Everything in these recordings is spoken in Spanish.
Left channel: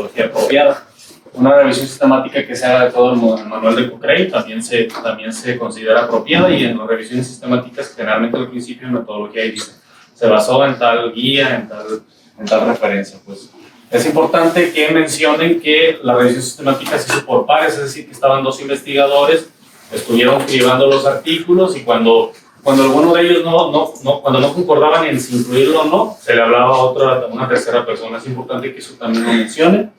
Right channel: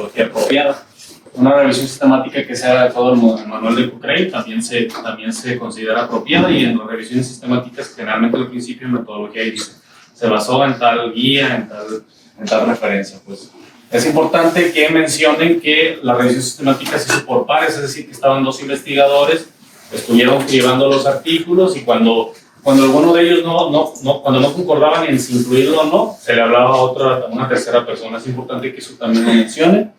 metodología apropiada. Una revisión sistemática que sea de todo el manual de Cochrane también se considera apropiada, y en las revisiones sistemáticas generalmente al principio en metodología dice se basó en tal guía, en tal referencia. Pues es importante que mencionen que la revisión sistemática se hizo por pares, es decir, que estaban dos investigadores, estuvieron cribando los artículos, y cuando alguno de ellos cuando no concordaban en si incluirlo o no, se le hablaba a una tercera persona. Es importante que eso también lo mencione.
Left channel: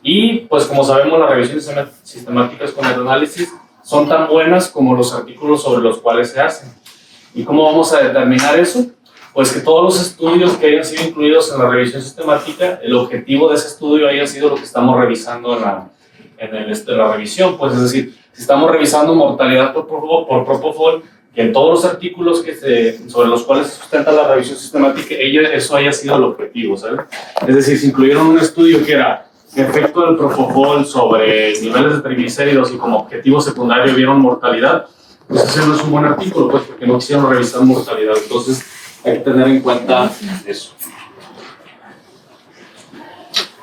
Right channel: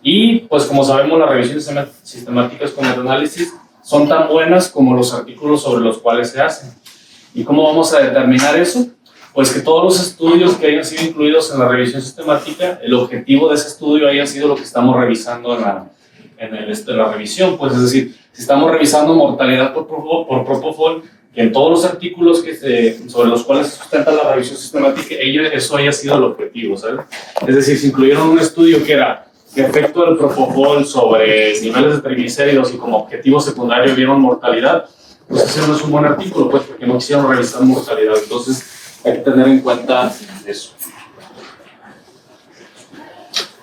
Y pues como sabemos, las revisiones sistemáticas con metaanálisis son tan buenas como los artículos sobre los cuales se hacen. ¿Y cómo vamos a determinar eso? Pues que todos los estudios que hayan sido incluidos en la revisión sistemática, el objetivo de ese estudio haya sido lo que estamos revisando en la revisión. Pues es decir, si estamos revisando mortalidad por propofol, que en todos los artículos sobre los cuales se sustenta la revisión sistemática, eso haya sido el objetivo, ¿sabes? Es decir, si incluyeron un estudio que era efecto del propofol sobre niveles de triglicéridos y como objetivo secundario vieron mortalidad, pues ese no es un buen artículo, pues, porque no quisieron revisar mortalidad. Entonces hay que tener en cuenta eso.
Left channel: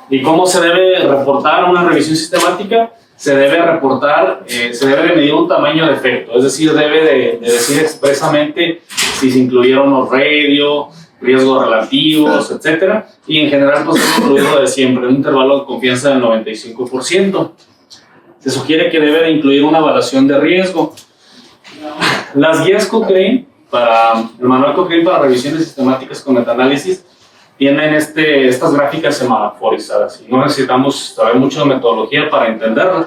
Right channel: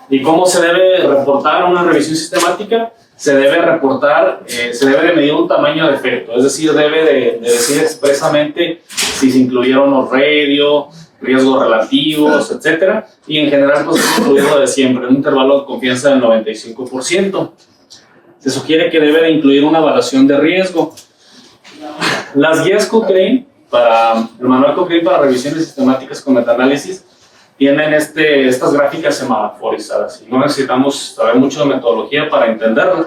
¿Y cómo se debe reportar una revisión sistemática? Se debe reportar, se debe de medir un tamaño de efecto, es decir, debe de decir expresamente si se incluyeron los radio, riesgos relativos, etc. Y en general, pues es incluido de siempre, un intervalo de confianza del 95%. Se sugiere que debe de incluir una evaluación de riesgo. Las guías Cochrane, el manual Cochrane para revisiones sistemáticas con metaanálisis, tienen estas gráficas semaforizadas. Y no necesitamos saber mucho de metodología para entenderlo.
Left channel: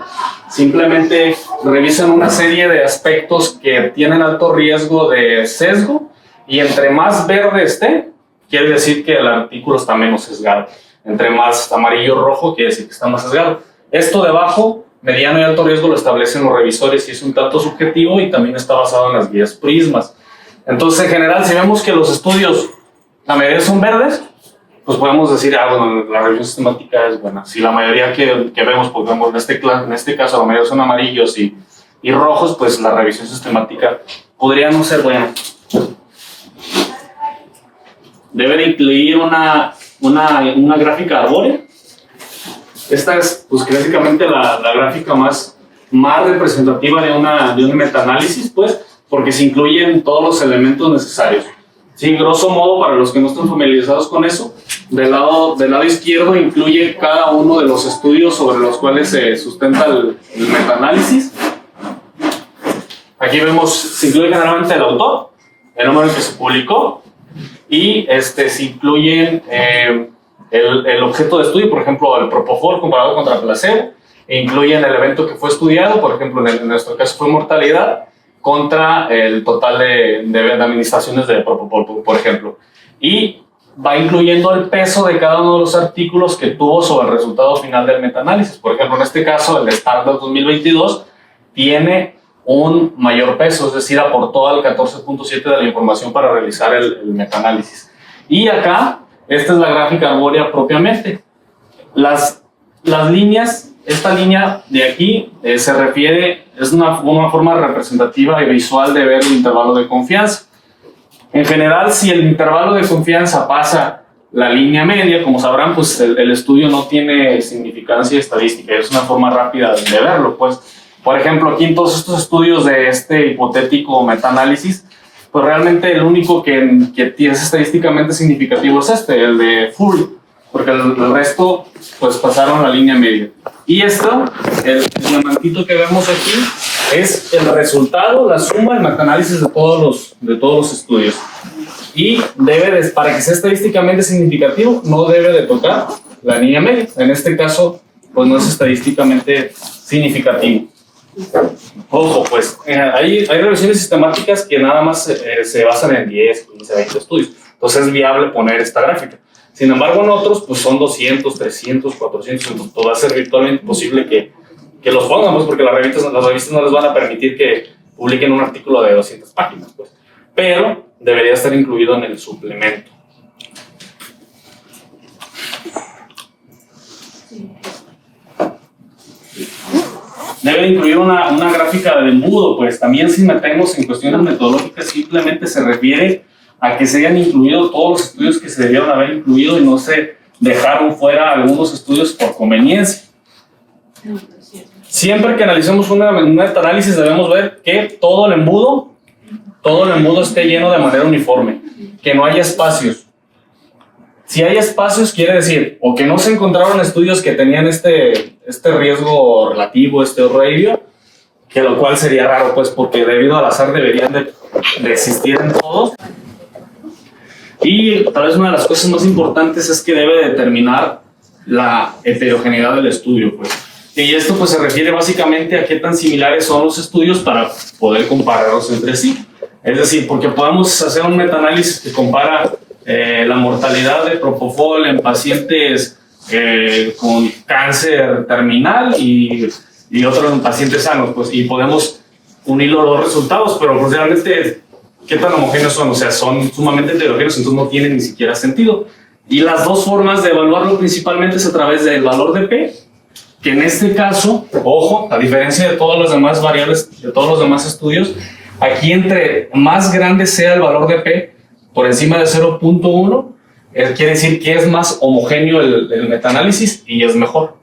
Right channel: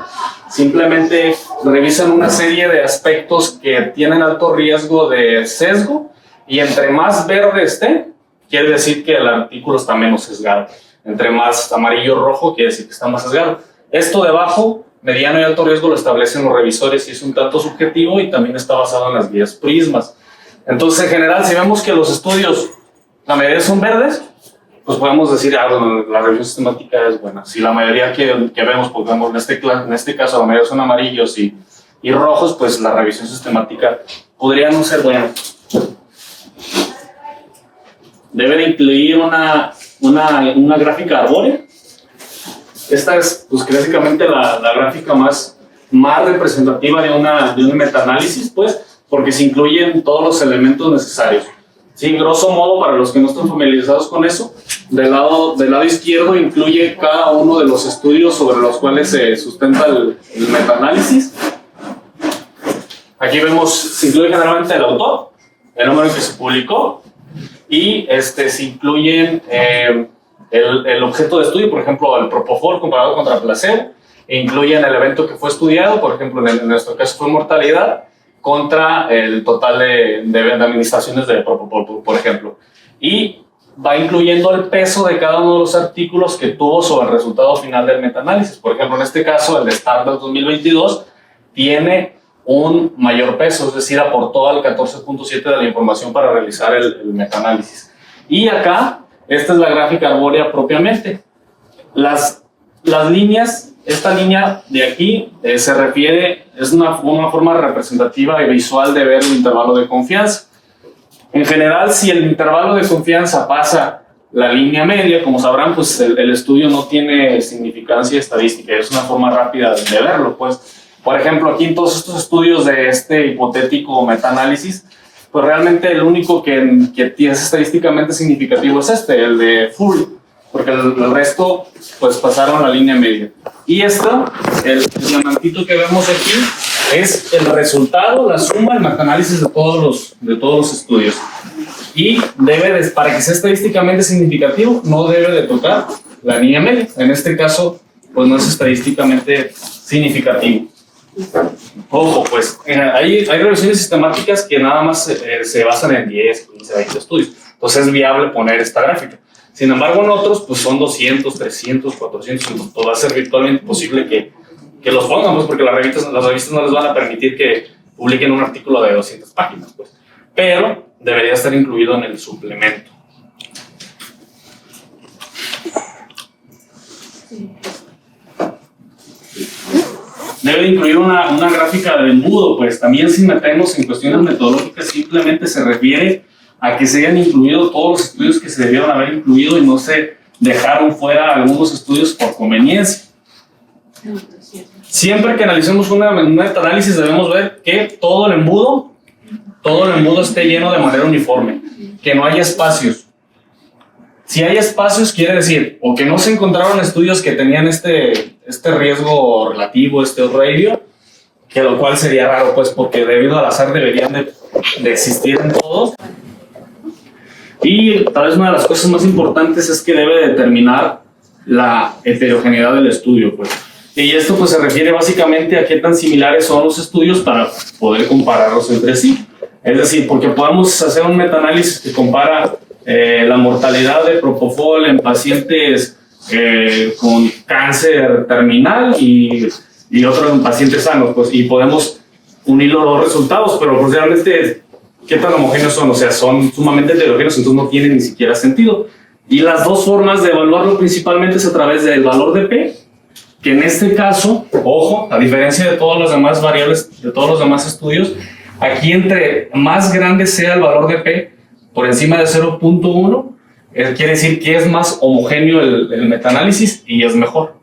Simplemente revisan una serie de aspectos que tienen alto riesgo de sesgo, y entre más verde esté, quiere decir que el artículo está menos sesgado. Entre más amarillo o rojo, quiere decir que está más sesgado. Esto de abajo, mediano y alto riesgo, lo establecen los revisores y es un tanto subjetivo, y también está basado en las guías Prismas. Entonces, en general, si vemos que los estudios, la mayoría son verdes, pues podemos decir, bueno, la revisión sistemática es buena. Si la mayoría que vemos, pues vemos en este caso, la mayoría son amarillos y rojos, pues la revisión sistemática podría no ser buena. Debe de incluir una gráfica arbórea. Esta es, pues, básicamente la gráfica más representativa de un metaanálisis, pues, porque se incluyen todos los elementos necesarios. Sí, grosso modo, para los que no están familiarizados con eso, del lado izquierdo incluye cada uno de los estudios sobre los cuales se sustenta el metaanálisis. Aquí vemos, se incluye generalmente el autor, el número en que se publicó, y se incluyen el objeto de estudio, por ejemplo, el propofol comparado contra placebo, e incluyen el evento que fue estudiado, por ejemplo, en nuestro caso fue mortalidad, contra el total de administraciones de propofol, por ejemplo. Y va incluyendo el peso de cada uno de los artículos que tuvo sobre el resultado final del metaanálisis. Por ejemplo, en este caso, el Standard 2022 tiene un mayor peso, es decir, aportó al 14.7 de la información para realizar el metaanálisis. Y acá, esta es la gráfica arbórea propiamente. Las líneas, esta línea de aquí se refiere, es una forma representativa y visual de ver el intervalo de confianza. En general, si el intervalo de confianza pasa la línea media, como sabrán, pues el estudio no tiene significancia estadística, es una forma rápida de verlo, pues. Por ejemplo, aquí en todos estos estudios de este hipotético metaanálisis, pues realmente el único que es estadísticamente significativo es el de Fury, porque el resto pues pasaron la línea media. Y esto, el diamantito que vemos aquí, es el resultado, la suma del metaanálisis de todos los estudios. Y para que sea estadísticamente significativo, no debe de tocar la línea media. En este caso, pues no es estadísticamente significativo. Ojo, pues hay revisiones sistemáticas que nada más se basan en 10, 15, 20 estudios. Entonces es viable poner esta gráfica. Sin embargo, en otros, pues son 200, 300, 400, pues va a ser virtualmente imposible que los pongamos, porque las revistas no les van a permitir que publiquen un artículo de 200 páginas, pues. Pero debería estar incluido en el suplemento. Debe incluir una gráfica de embudo, pues también si metemos en cuestiones metodológicas, simplemente se refiere a que se hayan incluido todos los estudios que se debieron haber incluido y no se dejaron fuera algunos estudios por conveniencia. Siempre que analicemos un metaanálisis debemos ver que todo el embudo esté lleno de manera uniforme, que no haya espacios. Si hay espacios, quiere decir o que no se encontraron estudios que tenían este riesgo relativo, este radio, que lo cual sería raro, pues, porque debido al azar deberían de existir en todos. Y tal vez una de las cosas más importantes es que debe determinar la heterogeneidad del estudio, pues. Y esto pues se refiere básicamente a qué tan similares son los estudios para poder compararlos entre sí. Es decir, porque podemos hacer un metaanálisis que compara la mortalidad de propofol en pacientes con cáncer terminal y otro en pacientes sanos, pues, y podemos unir los dos resultados, pero pues realmente qué tan homogéneos son, o sea, son sumamente heterogéneos, entonces no tiene ni siquiera sentido. Y las dos formas de evaluarlo principalmente es a través del valor de P, que en este caso, ojo, a diferencia de todas las demás variables, de todos los demás estudios, aquí entre más grande sea el valor de P, por encima de 0.1, quiere decir que es más homogéneo el metaanálisis y es mejor.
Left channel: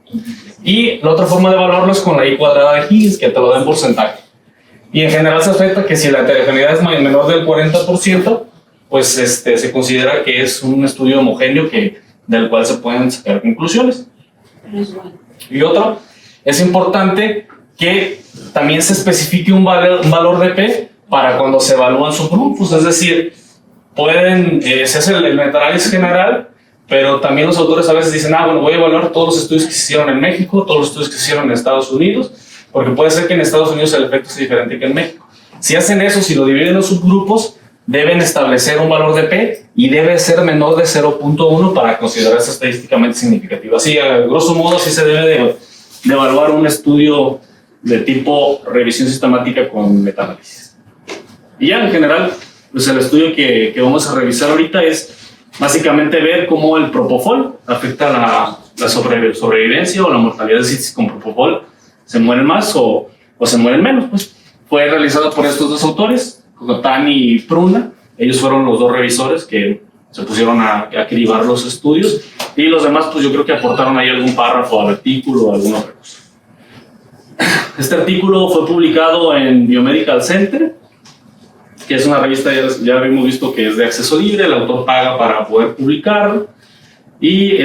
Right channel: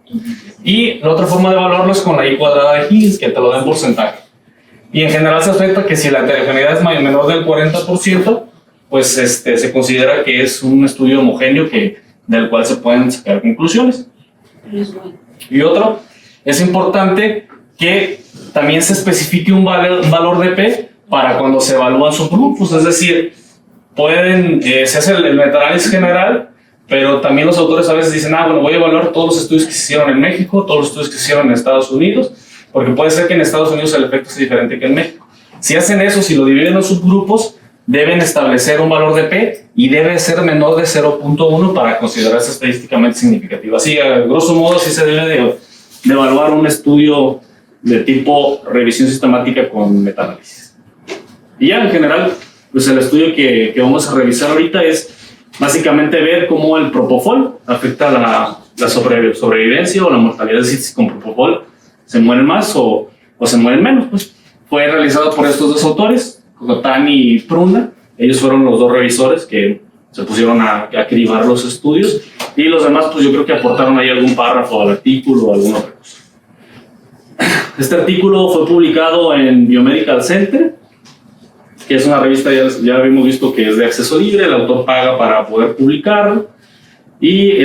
Y la otra forma de evaluarlo es con la I cuadrada de Higgins, que te lo da en porcentaje. Y en general se acepta que si la heterogeneidad es menor del 40%, pues se considera que es un estudio homogéneo del cual se pueden sacar conclusiones. Y otro, es importante que también se especifique un valor de P para cuando se evalúan subgrupos, es decir, se hace el metaanálisis general, pero también los autores a veces dicen, bueno, voy a evaluar todos los estudios que se hicieron en México, todos los estudios que se hicieron en Estados Unidos, porque puede ser que en Estados Unidos el efecto sea diferente que en México. Si hacen eso, si lo dividen en subgrupos, deben establecer un valor de P y debe ser menor de 0.1 para considerarse estadísticamente significativo. Así, a grosso modo, sí se debe de evaluar un estudio de tipo revisión sistemática con metaanálisis. Y ya en general, pues el estudio que vamos a revisar ahorita es básicamente ver cómo el propofol afecta la sobrevivencia o la mortalidad de citis con propofol. ¿Se mueren más o se mueren menos? Pues fue realizado por estos dos autores, Cocotani y Prunda. Ellos fueron los dos revisores que se pusieron a cribar los estudios, y los demás pues yo creo que aportaron ahí algún párrafo al artículo o alguna otra cosa. Este artículo fue publicado en Biomedical Center, que es una revista, ya habíamos visto que es de acceso libre, el autor paga para poder publicarlo, y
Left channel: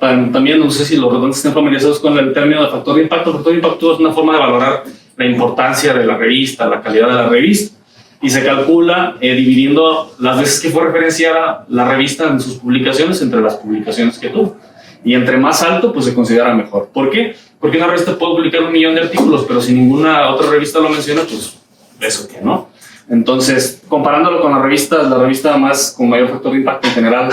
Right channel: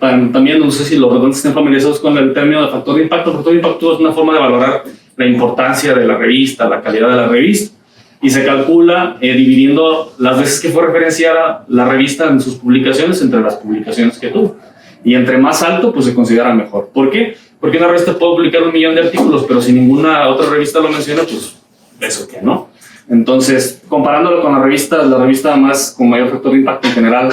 también no sé si los redondos estén familiarizados con el término de factor de impacto. El factor de impacto es una forma de valorar la importancia de la revista, la calidad de la revista, y se calcula dividiendo las veces que fue referenciada la revista en sus publicaciones entre las publicaciones que tuvo. Y entre más alto, pues se considera mejor. ¿Por qué? Porque una revista puede publicar 1 millón de artículos, pero si ninguna otra revista lo menciona, pues eso que no. Entonces, comparándolo con la revista más con mayor factor de impacto en general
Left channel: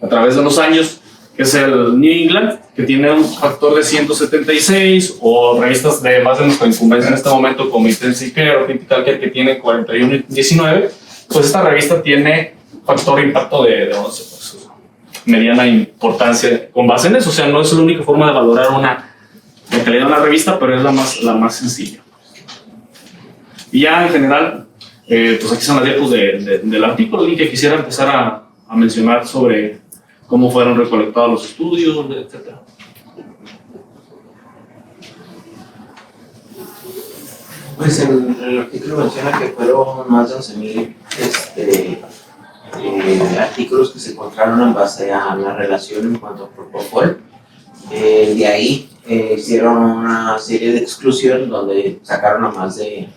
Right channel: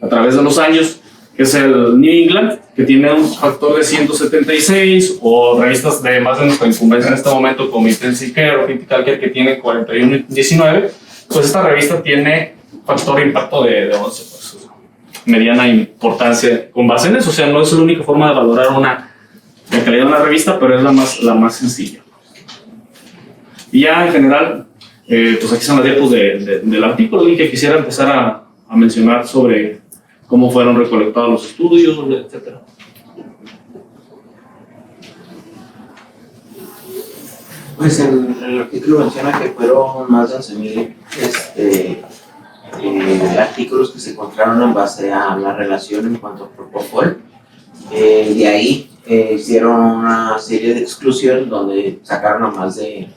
a través de los años, que es el New England, que tiene un factor de 176, o revistas de más de nuestra incumbencia en este momento, como Intensive Care o Critical Care, que tiene 41 y 19, pues esta revista tiene factor de impacto de 11, pues, mediana importancia con base en eso. O sea, no es la única forma de valorar la calidad de una revista, pero es la más sencilla. Y ya en general, pues aquí están las diapos del artículo, y que quisiera empezar a mencionar sobre cómo fueron recolectados los estudios, etc. Pues el artículo menciona que fueron más de 11,000 artículos que se encontraron en base a la relación en cuanto a propofol. De ahí hicieron una serie de exclusión donde sacaron a más de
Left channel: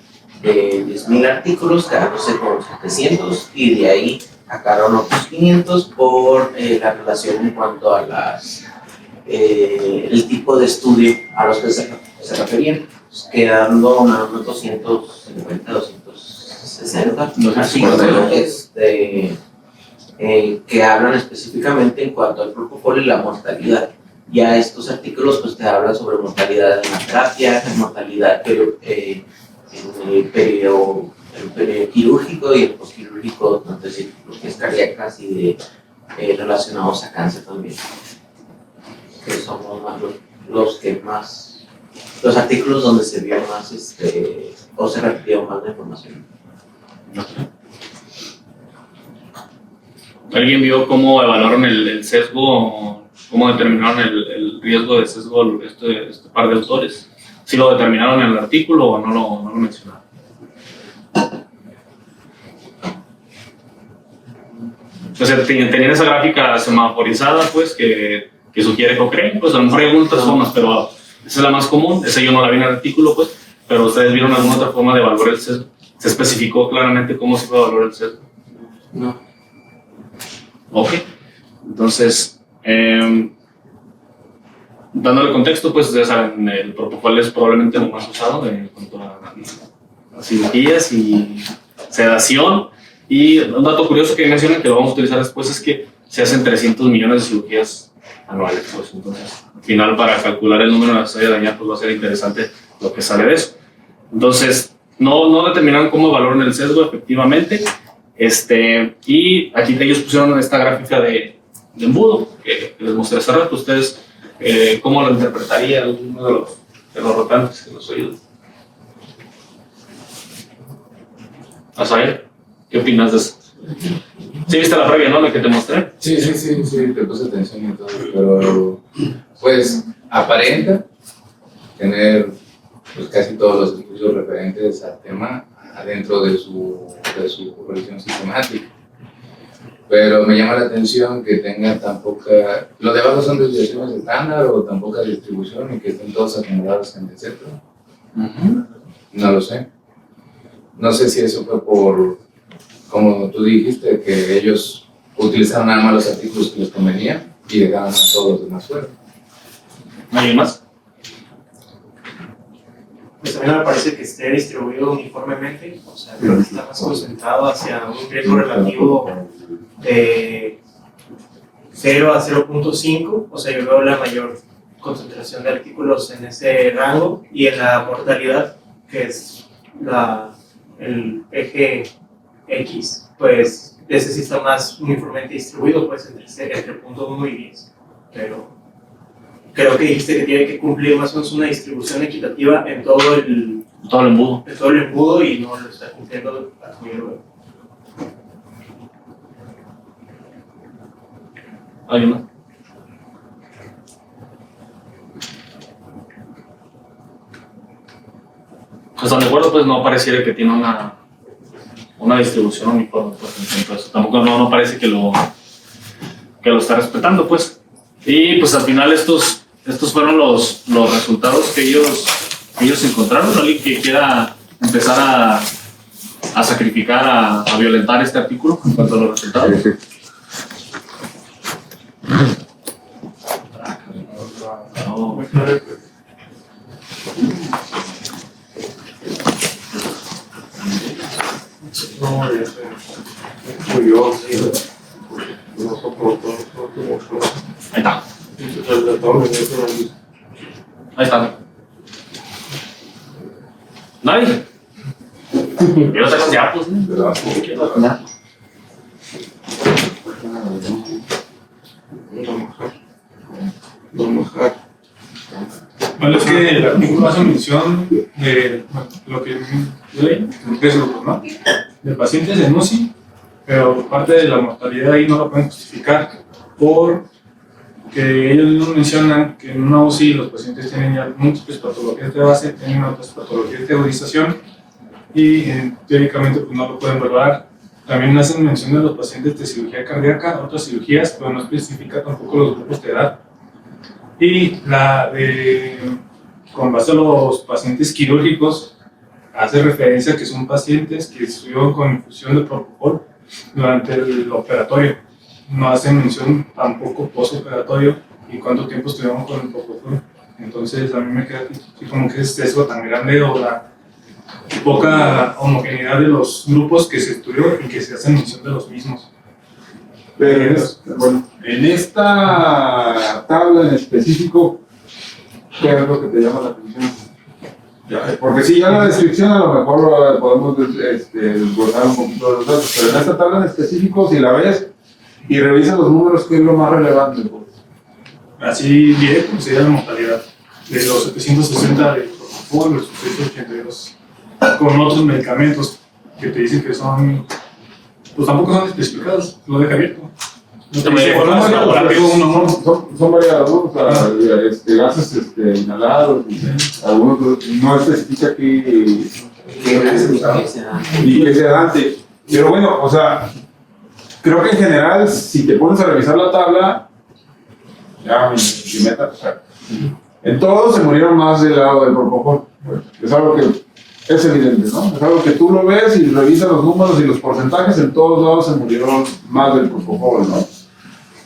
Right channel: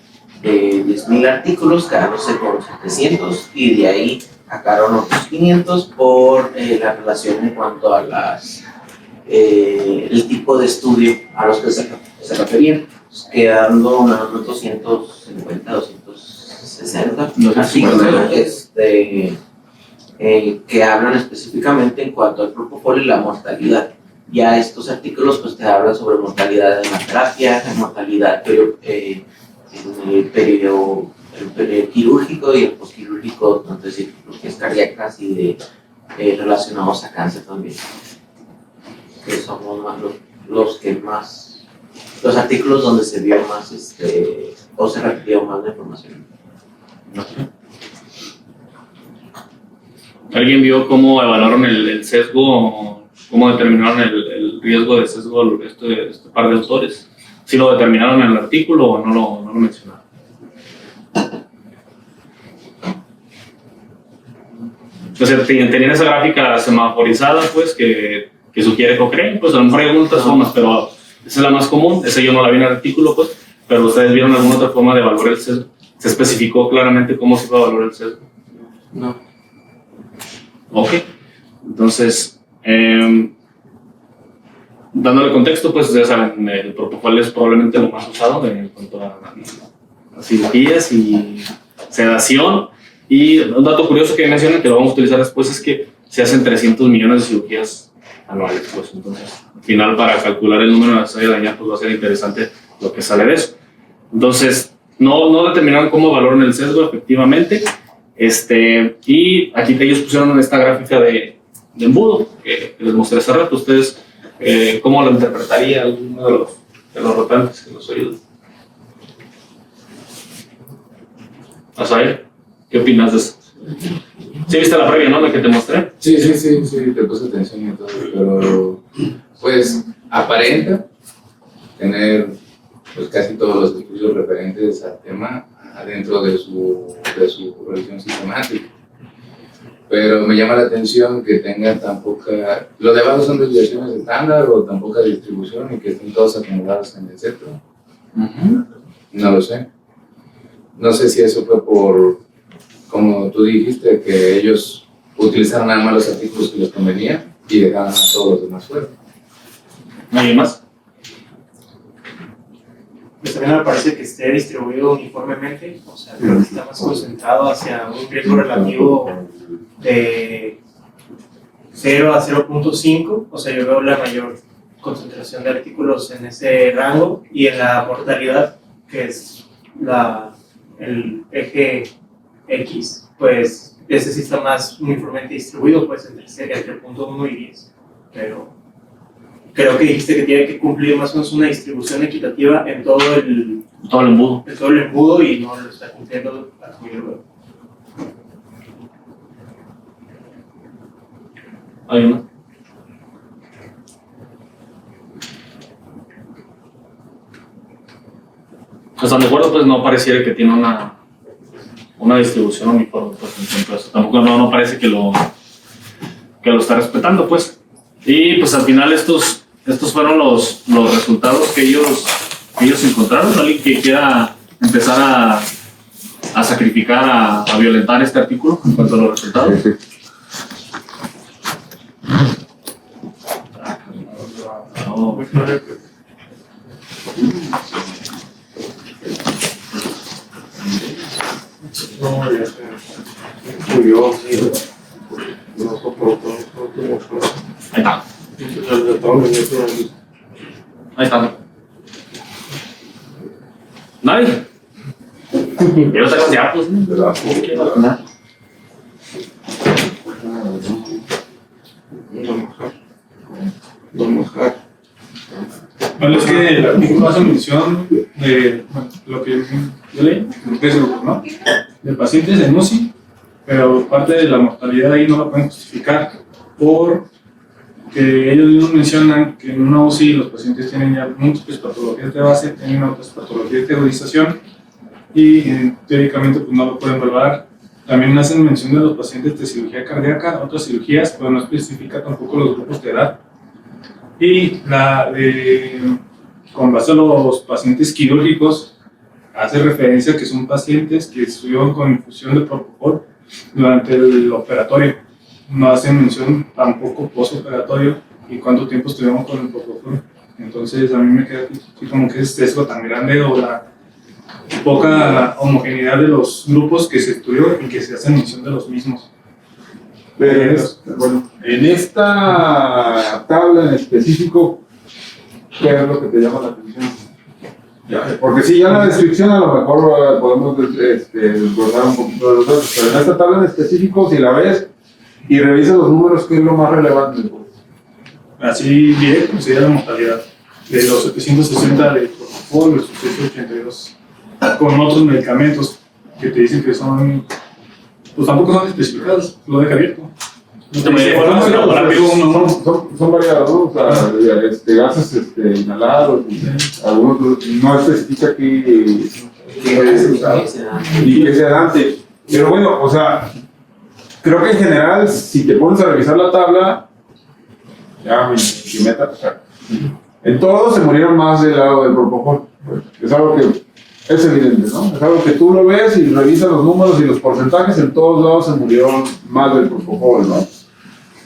10,000 artículos, quedándose por 700, y de ahí sacaron otros 500 por la relación en cuanto a el tipo de estudio a los que se referían, quedando unos 250, 260 artículos que hablan específicamente en cuanto al propofol y la mortalidad. Ya estos artículos pues te hablan sobre mortalidad de hemoterapia, mortalidad en el periodo quirúrgico y el posquirúrgico, entonces cirugías cardíacas y relacionados a cáncer también. Que son los artículos donde se vio más o se requirió más de información. ¿Alguien vio cómo evaluaron el sesgo, cómo determinaron el riesgo de sesgo este par de autores? ¿Sí lo determinaron en el artículo o no lo mencionaron? Entonces, tenían esa gráfica semaforizada, pues, que sugiere Cochrane, pues a lo mejor hay algunas otras formas, pero esa es la más común, esa yo no la vi en el artículo, pues, pero ustedes vieron alguna otra forma de evaluar el sesgo. ¿Se especificó claramente cómo se puede evaluar el sesgo? No. Ok, entonces, dándole contexto, pues ya saben, el propofol es probablemente lo más usado en cuanto a cirugías y sedación. Y un dato curioso que mencionan que lo vamos a utilizar después es que se hacen 300 millones de cirugías anuales. Pues entonces, al final, para calcular el número necesario de dañar, pues va a ser interesante lo que sale de eso. Entonces, no determinaron cómo evaluaron el sesgo efectivamente. Y aquí ellos pusieron esta gráfica de embudo que les mostré hace rato. Ustedes, ¿cómo lo interpretaría alguno de los rotantes en los oídos? ¿Azael? ¿Qué opinas de eso? ¿Sí viste la previa, no? La que te mostré. Sí, te puse atención y todo, pero pues aparenta tener pues casi todos los estudios referentes al tema adentro de su revisión sistemática. Pero me llama la atención que tengan tan poca, lo de abajo son desviaciones estándar o tan poca distribución y que estén todos acomodados en el centro. No lo sé. No sé si eso fue por, como tú dijiste, que ellos utilizaron nada más los artículos que les convenían y dejaban a todos los demás fuera. ¿Alguien más? Pues a mí no me parece que esté distribuido uniformemente, o sea, creo que está más concentrado hacia un riesgo relativo de 0 a 0.5, o sea, yo veo la mayor concentración de artículos en ese rango y en la mortalidad, que es el eje X, pues ese sí está más uniformemente distribuido, pues entre 0.1 y 10, pero creo que dijiste que tiene que cumplir más o menos una distribución equitativa en todo el embudo. En todo el embudo y no lo está cumpliendo a tu nivel. ¿Alguien más? Hasta mi acuerdo, pues no pareciera que tiene una distribución uniforme, pues, entonces tampoco no parece que lo está respetando, pues. Y pues al final estos fueron los resultados que ellos encontraron. ¿Alguien que quiera empezar a sacrificar, a violentar este artículo en cuanto a los resultados? Sí. No. Ahí está. Ahí está. ¿Nadie? Yo saco de datos, ¿no? Bueno, es que el artículo hace mención de lo que yo leí, ¿no? De pacientes en UCI, pero parte de la mortalidad ahí no la pueden justificar porque ellos mismos mencionan que en una UCI los pacientes tienen ya múltiples patologías de base, tienen otras patologías de agonización y teóricamente pues, no lo pueden valorar. También hacen mención de los pacientes de cirugía cardíaca, otras cirugías, pero no especifica tampoco los grupos de edad. Y con base a los pacientes quirúrgicos, hace referencia a que son pacientes que estuvieron con infusión de propofol durante el operatorio. No hace mención tampoco postoperatorio y cuánto tiempo estuvieron con el propofol. Entonces a mí me queda como que es sesgo tan grande o la poca homogeneidad de los grupos que se estudió y que se hace mención de los mismos. Bueno, en esta tabla en específico, ¿qué es lo que te llama la atención? Porque si ya en la descripción a lo mejor podemos desglosar un poquito de los datos, pero en esta tabla en específico, si la ves y revisas los números, ¿qué es lo más relevante? Así bien, sería la mortalidad de los 760 de propofol, los 882 con otros medicamentos que te dicen que son pues tampoco son especificados, lo deja abierto. No Son variados, ¿no? O sea, gases inhalados, algunos no especifica aquí y es sedante. Pero bueno, o sea, creo que en general, si te pones a revisar la tabla, ya mi meta, o sea, en todos se murieron más del lado del propofol. Es algo que es evidente, ¿no? Es algo que tú lo ves y revisas los números y los porcentajes, en todos lados se murieron más del propofol, ¿no?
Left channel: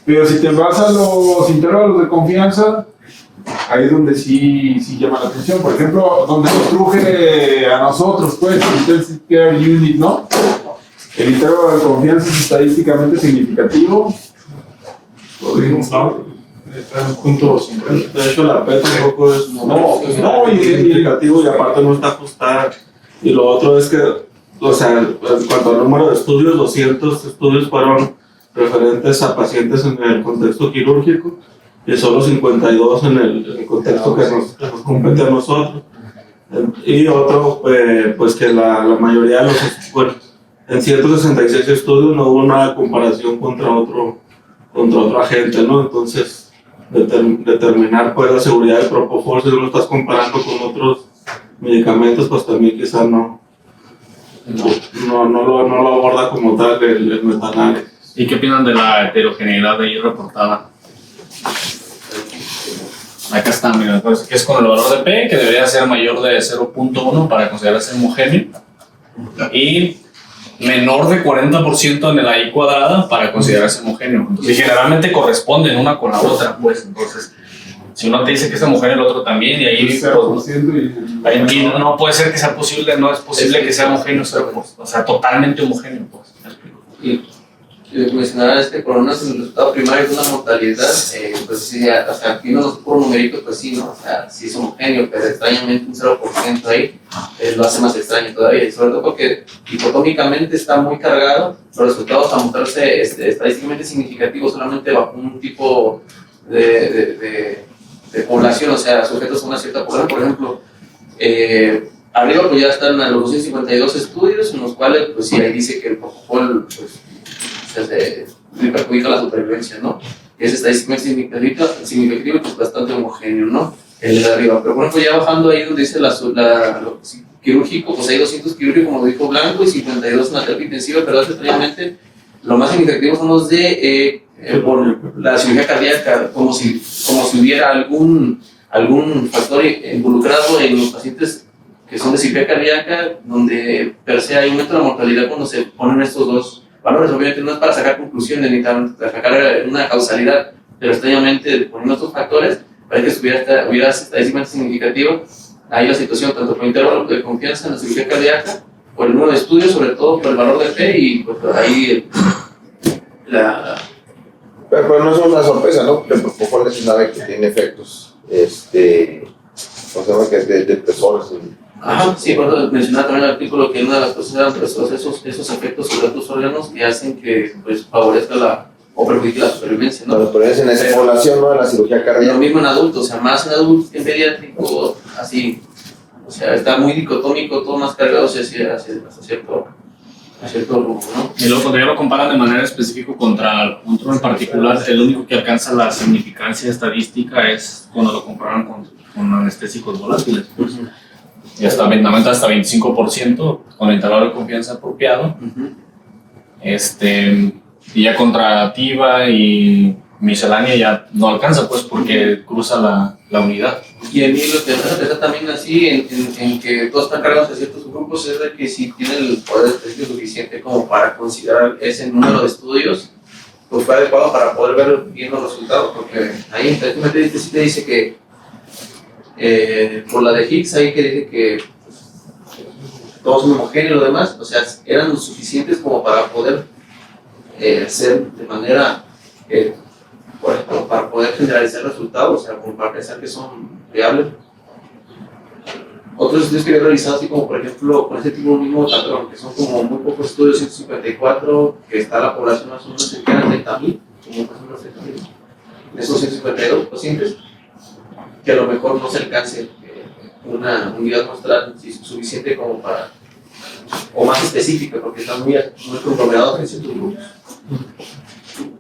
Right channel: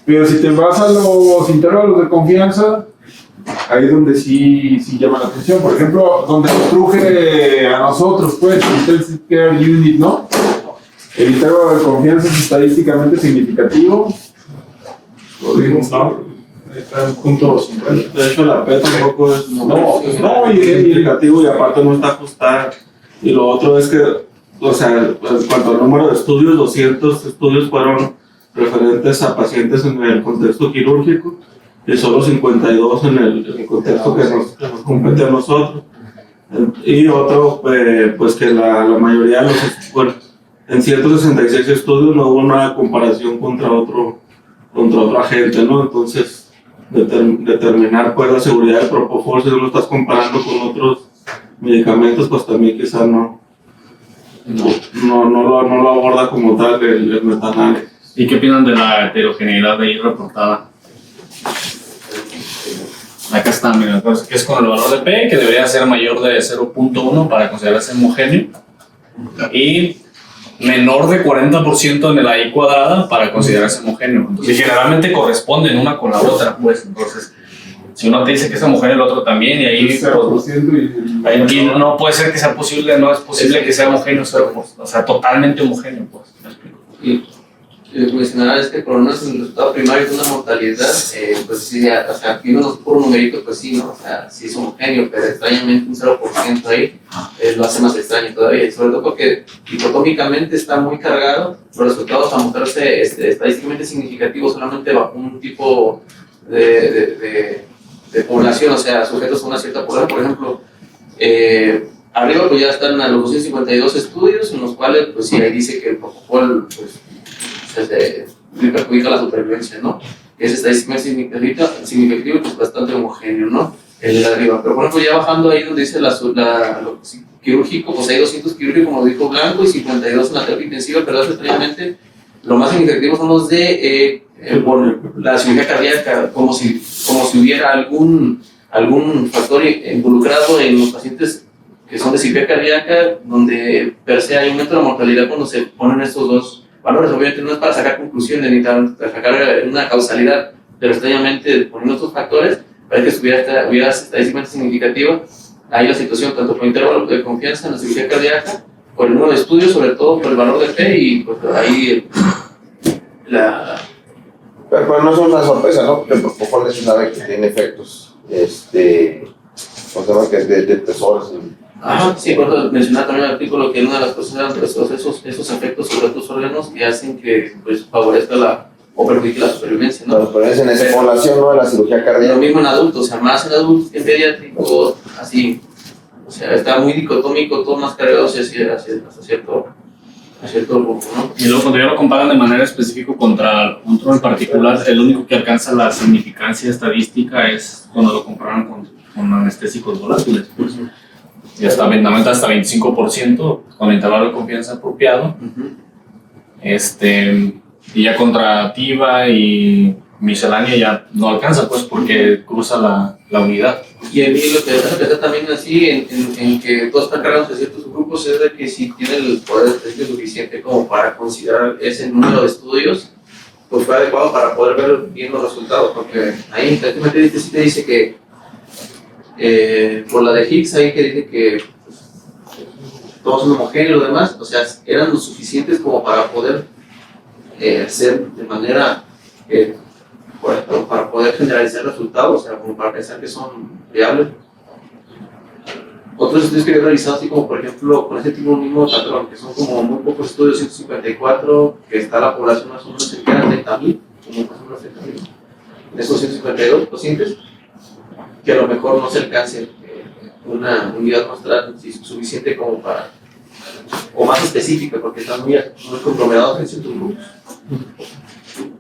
Pero si te vas a los intervalos de confianza, ahí es donde sí llama la atención. Por ejemplo, donde nos truje a nosotros, pues, Intensive Care Unit, ¿no? El intervalo de confianza es estadísticamente significativo. Está en punto 50. De hecho, la PET tampoco es No, y es significativo y aparte no está ajustada. Y lo otro es que, o sea, en cuanto al número de estudios, 200 estudios fueron referentes a pacientes en el contexto quirúrgico y solo 52 en el contexto que nos compete a nosotros. Y otro, pues que la mayoría de los, bueno, en 166 estudios no hubo una comparación contra otro agente, ¿no? Entonces, determinar pues la seguridad del propofol si no lo estás comparando con otros medicamentos, pues también quizá no lo aborda como tal el metanares. ¿Y qué opinan de la heterogeneidad de ahí reportada? Acá está, mira, que es con el valor de P, que debería ser mayor de 0.1 para considerarse homogéneo, y menor de 40% en el AI cuadrada para considerarse homogéneo. Entonces, generalmente corresponden una con la otra, pues. Entonces, si uno te dice que es homogéneo, el otro también, y ahí, ahí no puede ser que sea posible, no es posible que sea homogéneo, o sea, totalmente homogéneo, pues. Y mencionaba por lo menos el resultado primario de una mortalidad, pues sí, o sea, aquí no por numeritos, pues sí, ¿no? O sea, sí es homogéneo, pero extrañamente un 0% ahí lo hace más extraño todavía, y sobre todo porque dicotómicamente está muy cargado, los resultados a mostrarse estadísticamente significativos solamente bajo un tipo de población, o sea, sujetos a una cierta población. Por ejemplo, arriba pues ya están a los 252 estudios, en los cuales pues sí, ahí dice que el propofol pues le perjudica la supervivencia, ¿no? Es estadísticamente significativo, pues bastante homogéneo, ¿no? El de arriba. Pero por ejemplo, ya bajando ahí donde dice lo quirúrgico, pues hay 200 quirúrgicos, como dijo Blanco, y 52 en la terapia intensiva, pero extrañamente lo más significativo son los de por la cirugía cardíaca, como si hubiera algún factor involucrado en los pacientes que son de cirugía cardíaca, donde per se hay un aumento de la mortalidad cuando se ponen estos dos valores. Obviamente no es para sacar conclusiones ni para sacar una causalidad, pero extrañamente poniendo estos factores parece que hubiera estadísticamente significativo ahí la situación, tanto por intervalo de confianza en la cirugía cardíaca, por el número de estudios, sobre todo por el valor de P, y pues ahí Pero no es una sorpresa, ¿no? El propofol es una ave que tiene efectos, conserva que de personas. Sí, por eso mencionaba también el artículo que una de las cosas eran pues, esos efectos sobre otros órganos que hacen que pues, favorezca o perjudique la supervivencia, ¿no? Pero es en esa población, ¿no? La cirugía cardíaca. Lo mismo en adultos, o sea, más en adultos que en pediátricos, así. O sea, está muy dicotómico, todo más cargado hacia cierto rumbo, ¿no? Y luego cuando ya lo comparan de manera específica contra otro en particular, el único que alcanza la significancia estadística es cuando lo comparan con anestésicos volátiles. Pues. Y hasta 25% con el intervalo de confianza apropiado. Y ya contra TIVA y miscelánea ya no alcanza, pues, porque cruza la unidad. Y a mí lo que me interesa también así, en que todos están cargados de ciertos grupos, es de que si tiene el poder estadístico suficiente como para considerar ese número de estudios, pues fue adecuado para poder ver bien los resultados, porque ahí prácticamente sí te dice que por la de Higgs, ahí que dice que todos son homogéneos y lo demás, o sea, eran lo suficientes como para poder ser de manera para poder generalizar resultados, o sea, como para pensar que son viables. Otros estudios que he realizado, así como por ejemplo, con ese tipo mismo patrón, que son como muy pocos estudios, 154, que está la población más o menos cercana a 30.000, como más o menos 30.000, de esos 152 pacientes, que a lo mejor no se alcance una unidad muestral suficiente como para o más específica, porque están muy conglomerados en ciertos grupos.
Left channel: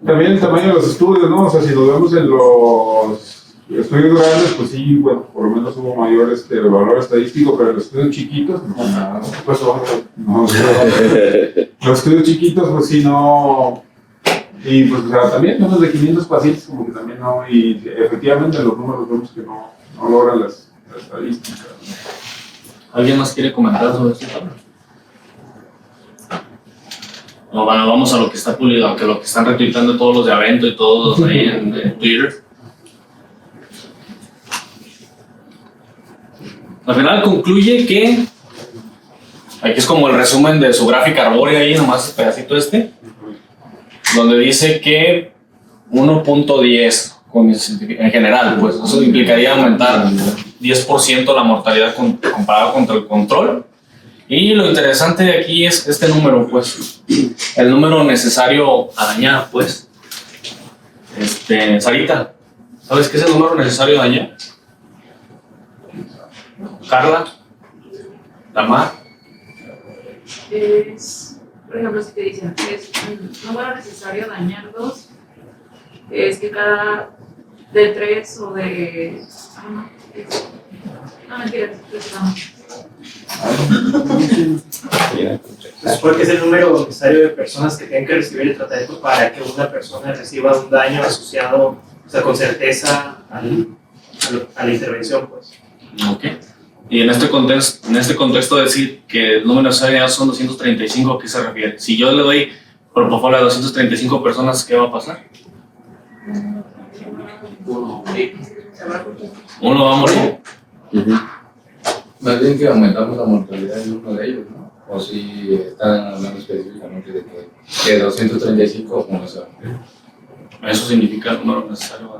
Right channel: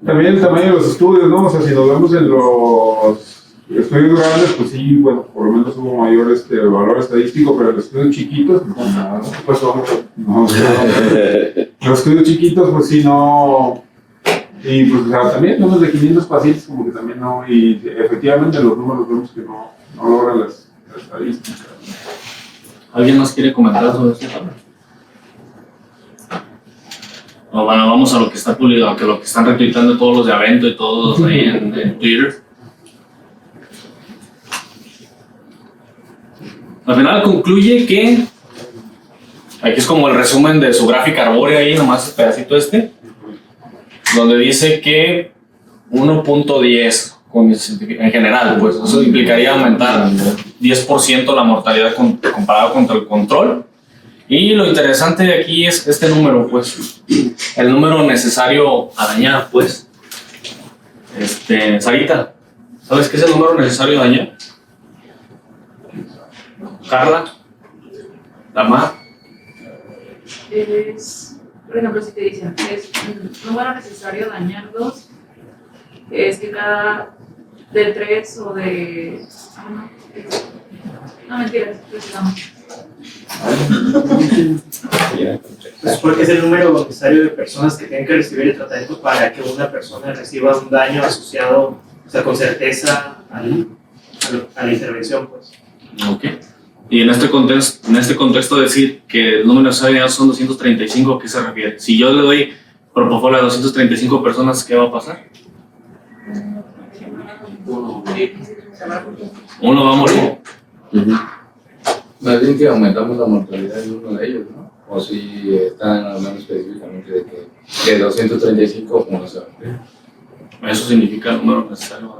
También el tamaño de los estudios, ¿no? O sea, si nos vemos en los estudios grandes, pues sí, bueno, por lo menos hubo mayor valor estadístico, pero los estudios chiquitos, pues no. Los estudios chiquitos, pues sí, no. Y pues o sea, también números de 500 pacientes, como que también no. Y efectivamente los números vemos que no logran las estadísticas. ¿Alguien más quiere comentar sobre este tema? No, bueno, vamos a lo que está publicado, aunque lo que están retuitando todos los de Avento y todos ahí en Twitter. Al final concluye que, aquí es como el resumen de su gráfica arbórea ahí, nomás el pedacito donde dice que 1.10 en general, pues eso implicaría aumentar 10% la mortalidad comparado contra el control. Y lo interesante de aquí es este número, pues, el número necesario a dañar, pues. Sarita, ¿sabes qué es el número necesario a dañar? Carla, Tamar. Es, por ejemplo, si te dicen que es un número necesario dañar 2, es que cada de 3 o de... No, mentira, Se supone que es el número necesario de personas que tengan que recibir el tratamiento para que una persona reciba un daño asociado, o sea, con certeza a la intervención, pues. Ok. Y en este contexto decir que el número necesario son 235, ¿a qué se refiere? Si yo le doy propofol a 235 personas, ¿qué va a pasar? Uno va a morir. Más bien que aumentamos la mortalidad de uno de ellos, ¿no? O si están hablando específicamente de que de 235 uno se va a morir. Eso significa el número necesario.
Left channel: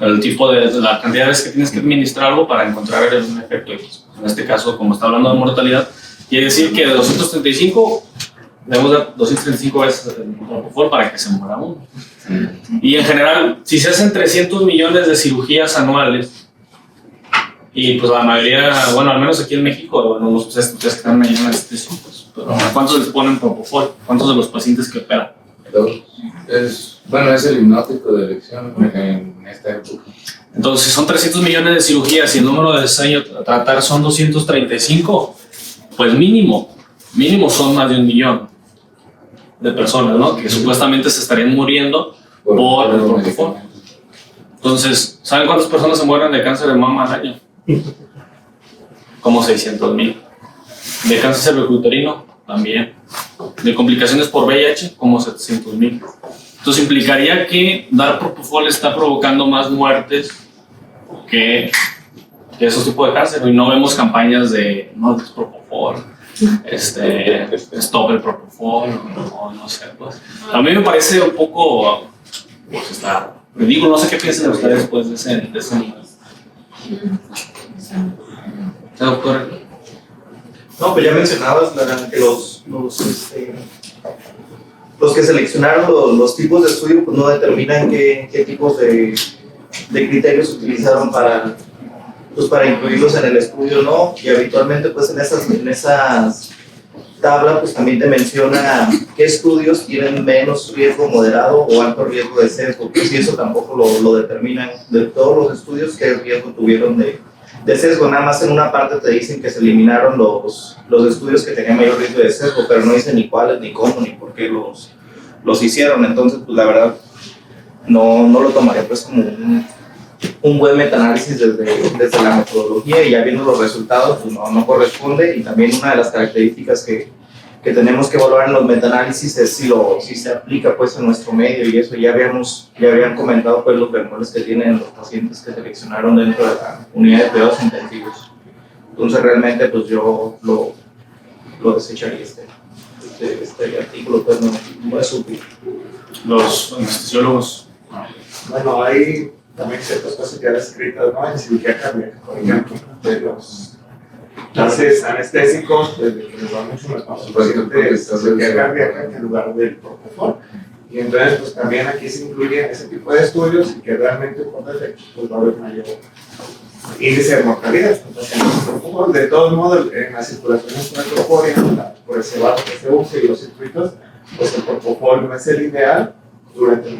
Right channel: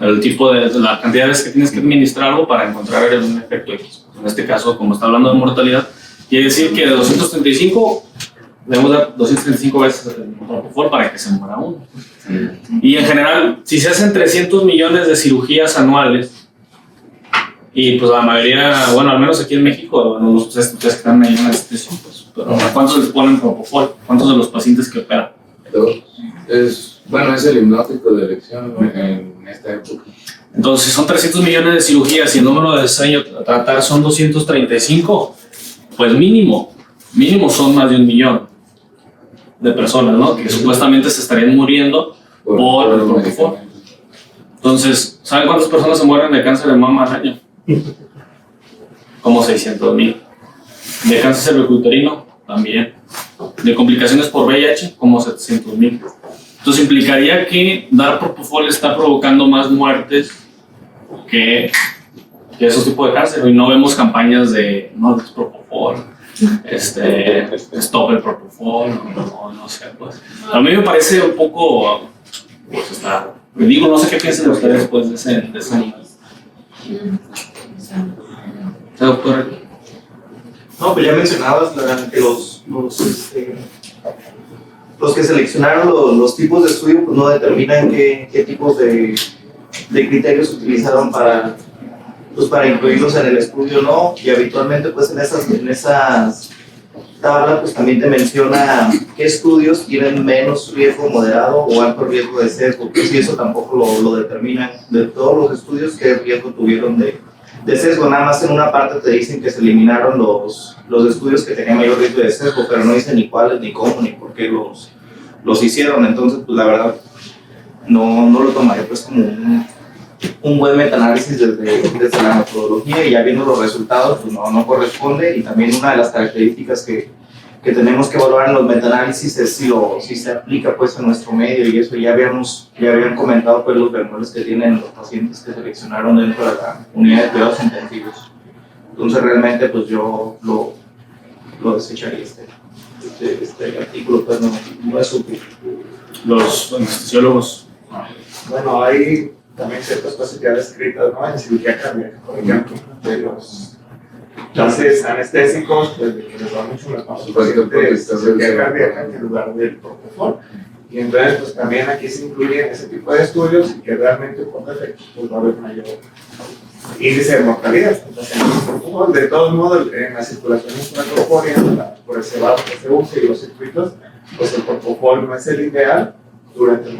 El tipo de la cantidad de veces que tienes que administrar algo para encontrar un efecto. En este caso, como está hablando de mortalidad, quiere decir que de 235 debemos dar 235 veces el propofol para que se muera uno. Y en general, si se hacen 300 millones de cirugías anuales, y pues la mayoría, bueno, al menos aquí en México, bueno, ustedes que están ahí en anestesia, pues, pero ¿cuántos les ponen propofol? ¿Cuántos de los pacientes que operan? Es el hipnótico de elección en esta época. Entonces, son 300 millones de cirugías y el número de diseño a tratar son 235, pues mínimo son más de 1 millón de personas, ¿no? Que supuestamente se estarían muriendo por el propofol. Entonces, ¿saben cuántas personas se mueren de cáncer de mama al año? Como 600,000. De cáncer cervicuterino, también. De complicaciones por VIH, como 700,000. Entonces implicaría que dar propofol está provocando más muertes que esos tipos de cáncer. Y no vemos campañas de no des propofol, stop el propofol, no sé. Pues. A mí me parece un poco, pues está ridículo. No sé qué piensan ustedes después de ese número. Doctor. No, pues ya mencionabas que los que seleccionaron los tipos de estudio pues no determinan qué tipos de criterios utilizaron para incluirlos en el estudio, ¿no? Y habitualmente pues en esas tablas pues también te menciona qué estudios tienen menos riesgo moderado o alto riesgo de sesgo, pues y eso tampoco lo determinan de todos los estudios qué riesgo tuvieron de sesgo. Nada más en una parte te dicen que se eliminaron los estudios que tenían mayor riesgo de sesgo, pero no dicen ni cuáles, ni cómo, ni por qué los hicieron. Entonces, pues la verdad, no lo tomaré pues como un buen metaanálisis desde la metodología, y ya viendo los resultados, pues no corresponde. Y también una de las características que tenemos que evaluar en los metaanálisis es si se aplica pues en nuestro medio, y eso ya habían comentado pues los bemoles que tienen los pacientes que seleccionaron dentro de la unidad de cuidados intensivos. Entonces realmente pues yo lo desecharía este artículo, pues no es útil. Los anestesiólogos. Bueno, hay también ciertas cosas que han escrito, ¿no? En cirugía cardíaca, por ejemplo, de los gases anestésicos, pues de que les va mucho los pacientes de cirugía cardíaca en lugar del propofol. Y entonces, pues también aquí se incluyen ese tipo de estudios y que realmente por defecto pues va a haber mayor índice de mortalidad. Entonces, propofol. De todos modos, en la circulación intracorpórea, por el cebado que se usa y los circuitos, pues el propofol no es el ideal durante el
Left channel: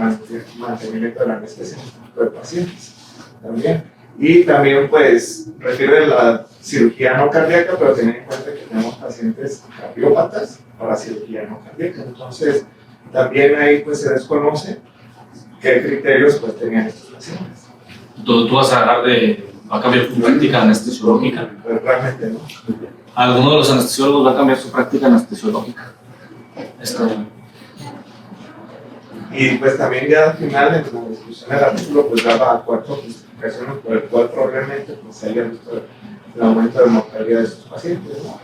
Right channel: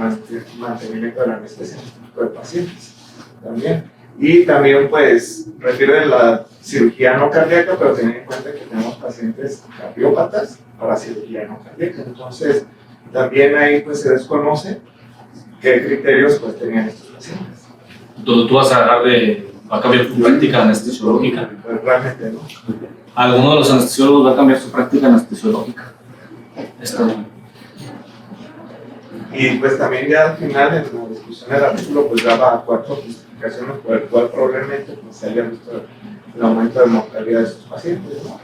mantenimiento de la anestesia de pacientes también. Y también, pues, refiere la cirugía no cardíaca, pero teniendo en cuenta que tenemos pacientes cardiópatas para cirugía no cardíaca. Entonces, también ahí pues se desconoce qué criterios pues tenían estos pacientes. Tú vas a va a cambiar tu práctica anestesiológica. Pues realmente no. ¿Alguno de los anestesiólogos va a cambiar su práctica anestesiológica? Y pues también ya al final, en la discusión del artículo, pues daba 4 justificaciones por el cual probablemente pues, se haya visto el aumento de mortalidad de sus pacientes, ¿no?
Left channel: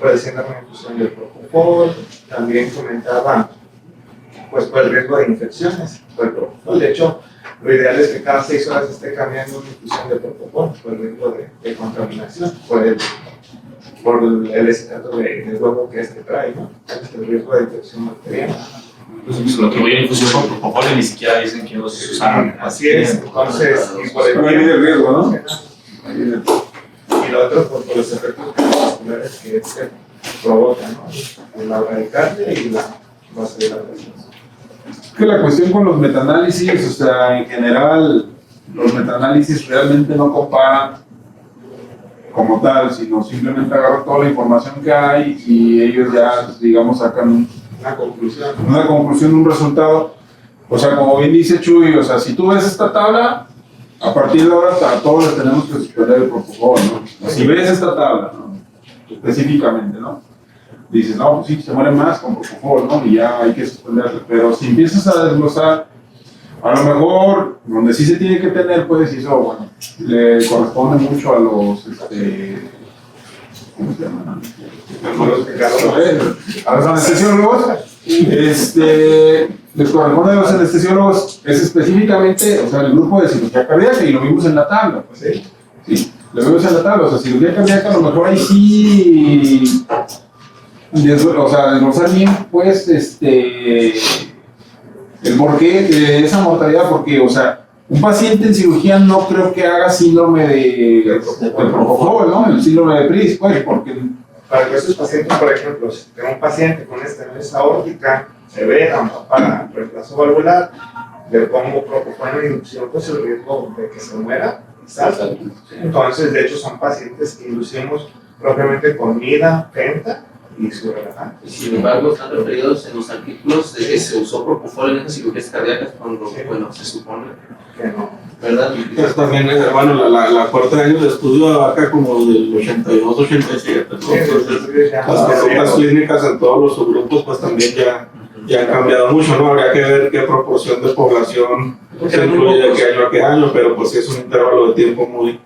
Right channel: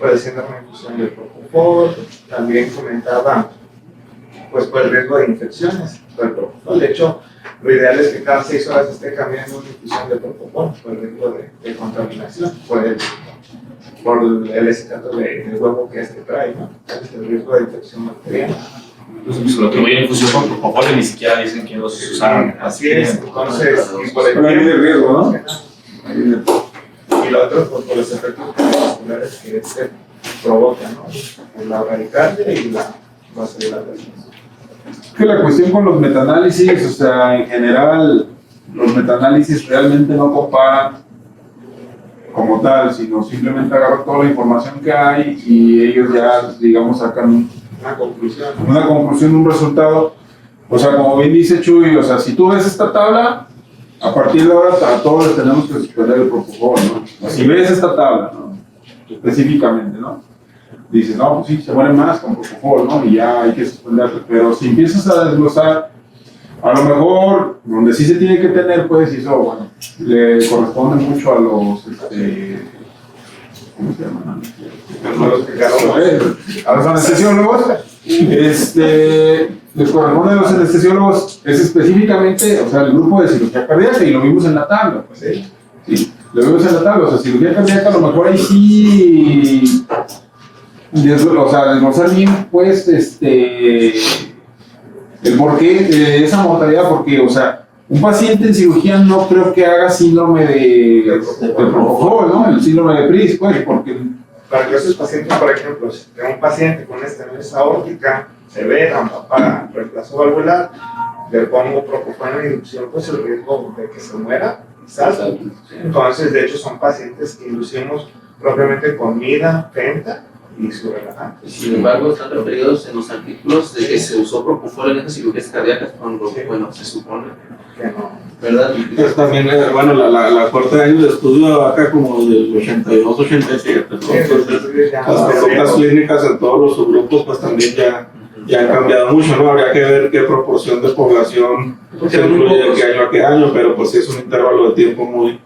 Padeciendo una infusión del propofol, también comentaba pues por el riesgo de infecciones por el propofol. De hecho, lo ideal es que cada 6 horas esté cambiando una infusión de propofol por el riesgo de contaminación, por el estatus de huevo que trae, ¿no? Es el riesgo de infección bacteriana. Pues lo que voy a infusión con propofol ni siquiera dicen que los usaron. Así es, entonces, y por Pero ahí viene el riesgo, ¿no? Y lo otro, pues, por los efectos cardiovasculares que se provocan, ¿no? La bradicardia y la vasodilatación. Es que la cuestión con los metaanálisis, o sea, en general, los metaanálisis realmente no comparan como tal, sino simplemente agarran toda la información que hay y ellos ya, digamos, sacan una conclusión, un resultado. O sea, como bien dice Chuy, o sea, si tú ves esta tabla, a partir de ahora todos tenemos que suspender el propofol, ¿no? Si ves esta tabla, ¿no? Específicamente, ¿no? Dices, no, pues sí, se mueren más con propofol, ¿no? Y ya hay que suspenderlo. Pero si empiezas a desglosar, a lo mejor, donde sí se tiene que tener, pues, y eso, bueno, le corresponde mucho a los, ¿cómo se llaman? A los anestesiólogos, les corresponde a los anestesiólogos, es específicamente, o sea, el grupo de cirugía cardíaca, y lo vimos en la tabla, pues, sí, lo vimos en la tabla, o sea, cirugía cardíaca, a lo mejor ahí sí, o sea, desglosar bien, pues, el porqué de esa mortalidad, porque, o sea, un paciente en cirugía no creo que haga síndrome de propofol, ¿no? El síndrome de PRIS, pues, porque... Para esos pacientes, por ejemplo, si tengo un paciente con estenosis aórtica severa para reemplazo valvular, le pongo propofol en inducción, pues el riesgo de que se muera es alto. Entonces, de hecho, son pacientes que inducimos propiamente con MIRA, PENTA y surrelajante. Sin embargo, están referidos en los artículos de que se usó propofol en esas cirugías cardíacas cuando, bueno, se supone que no. ¿Verdad? Pues también, bueno, la cuarta de años de estudio acá como del 82, 87, ¿no? Entonces, las consultas clínicas en todos los subgrupos pues también ya han cambiado mucho, ¿no? Habría que ver qué proporción de población se incluye de qué año a qué año, pero pues sí es un intervalo de tiempo muy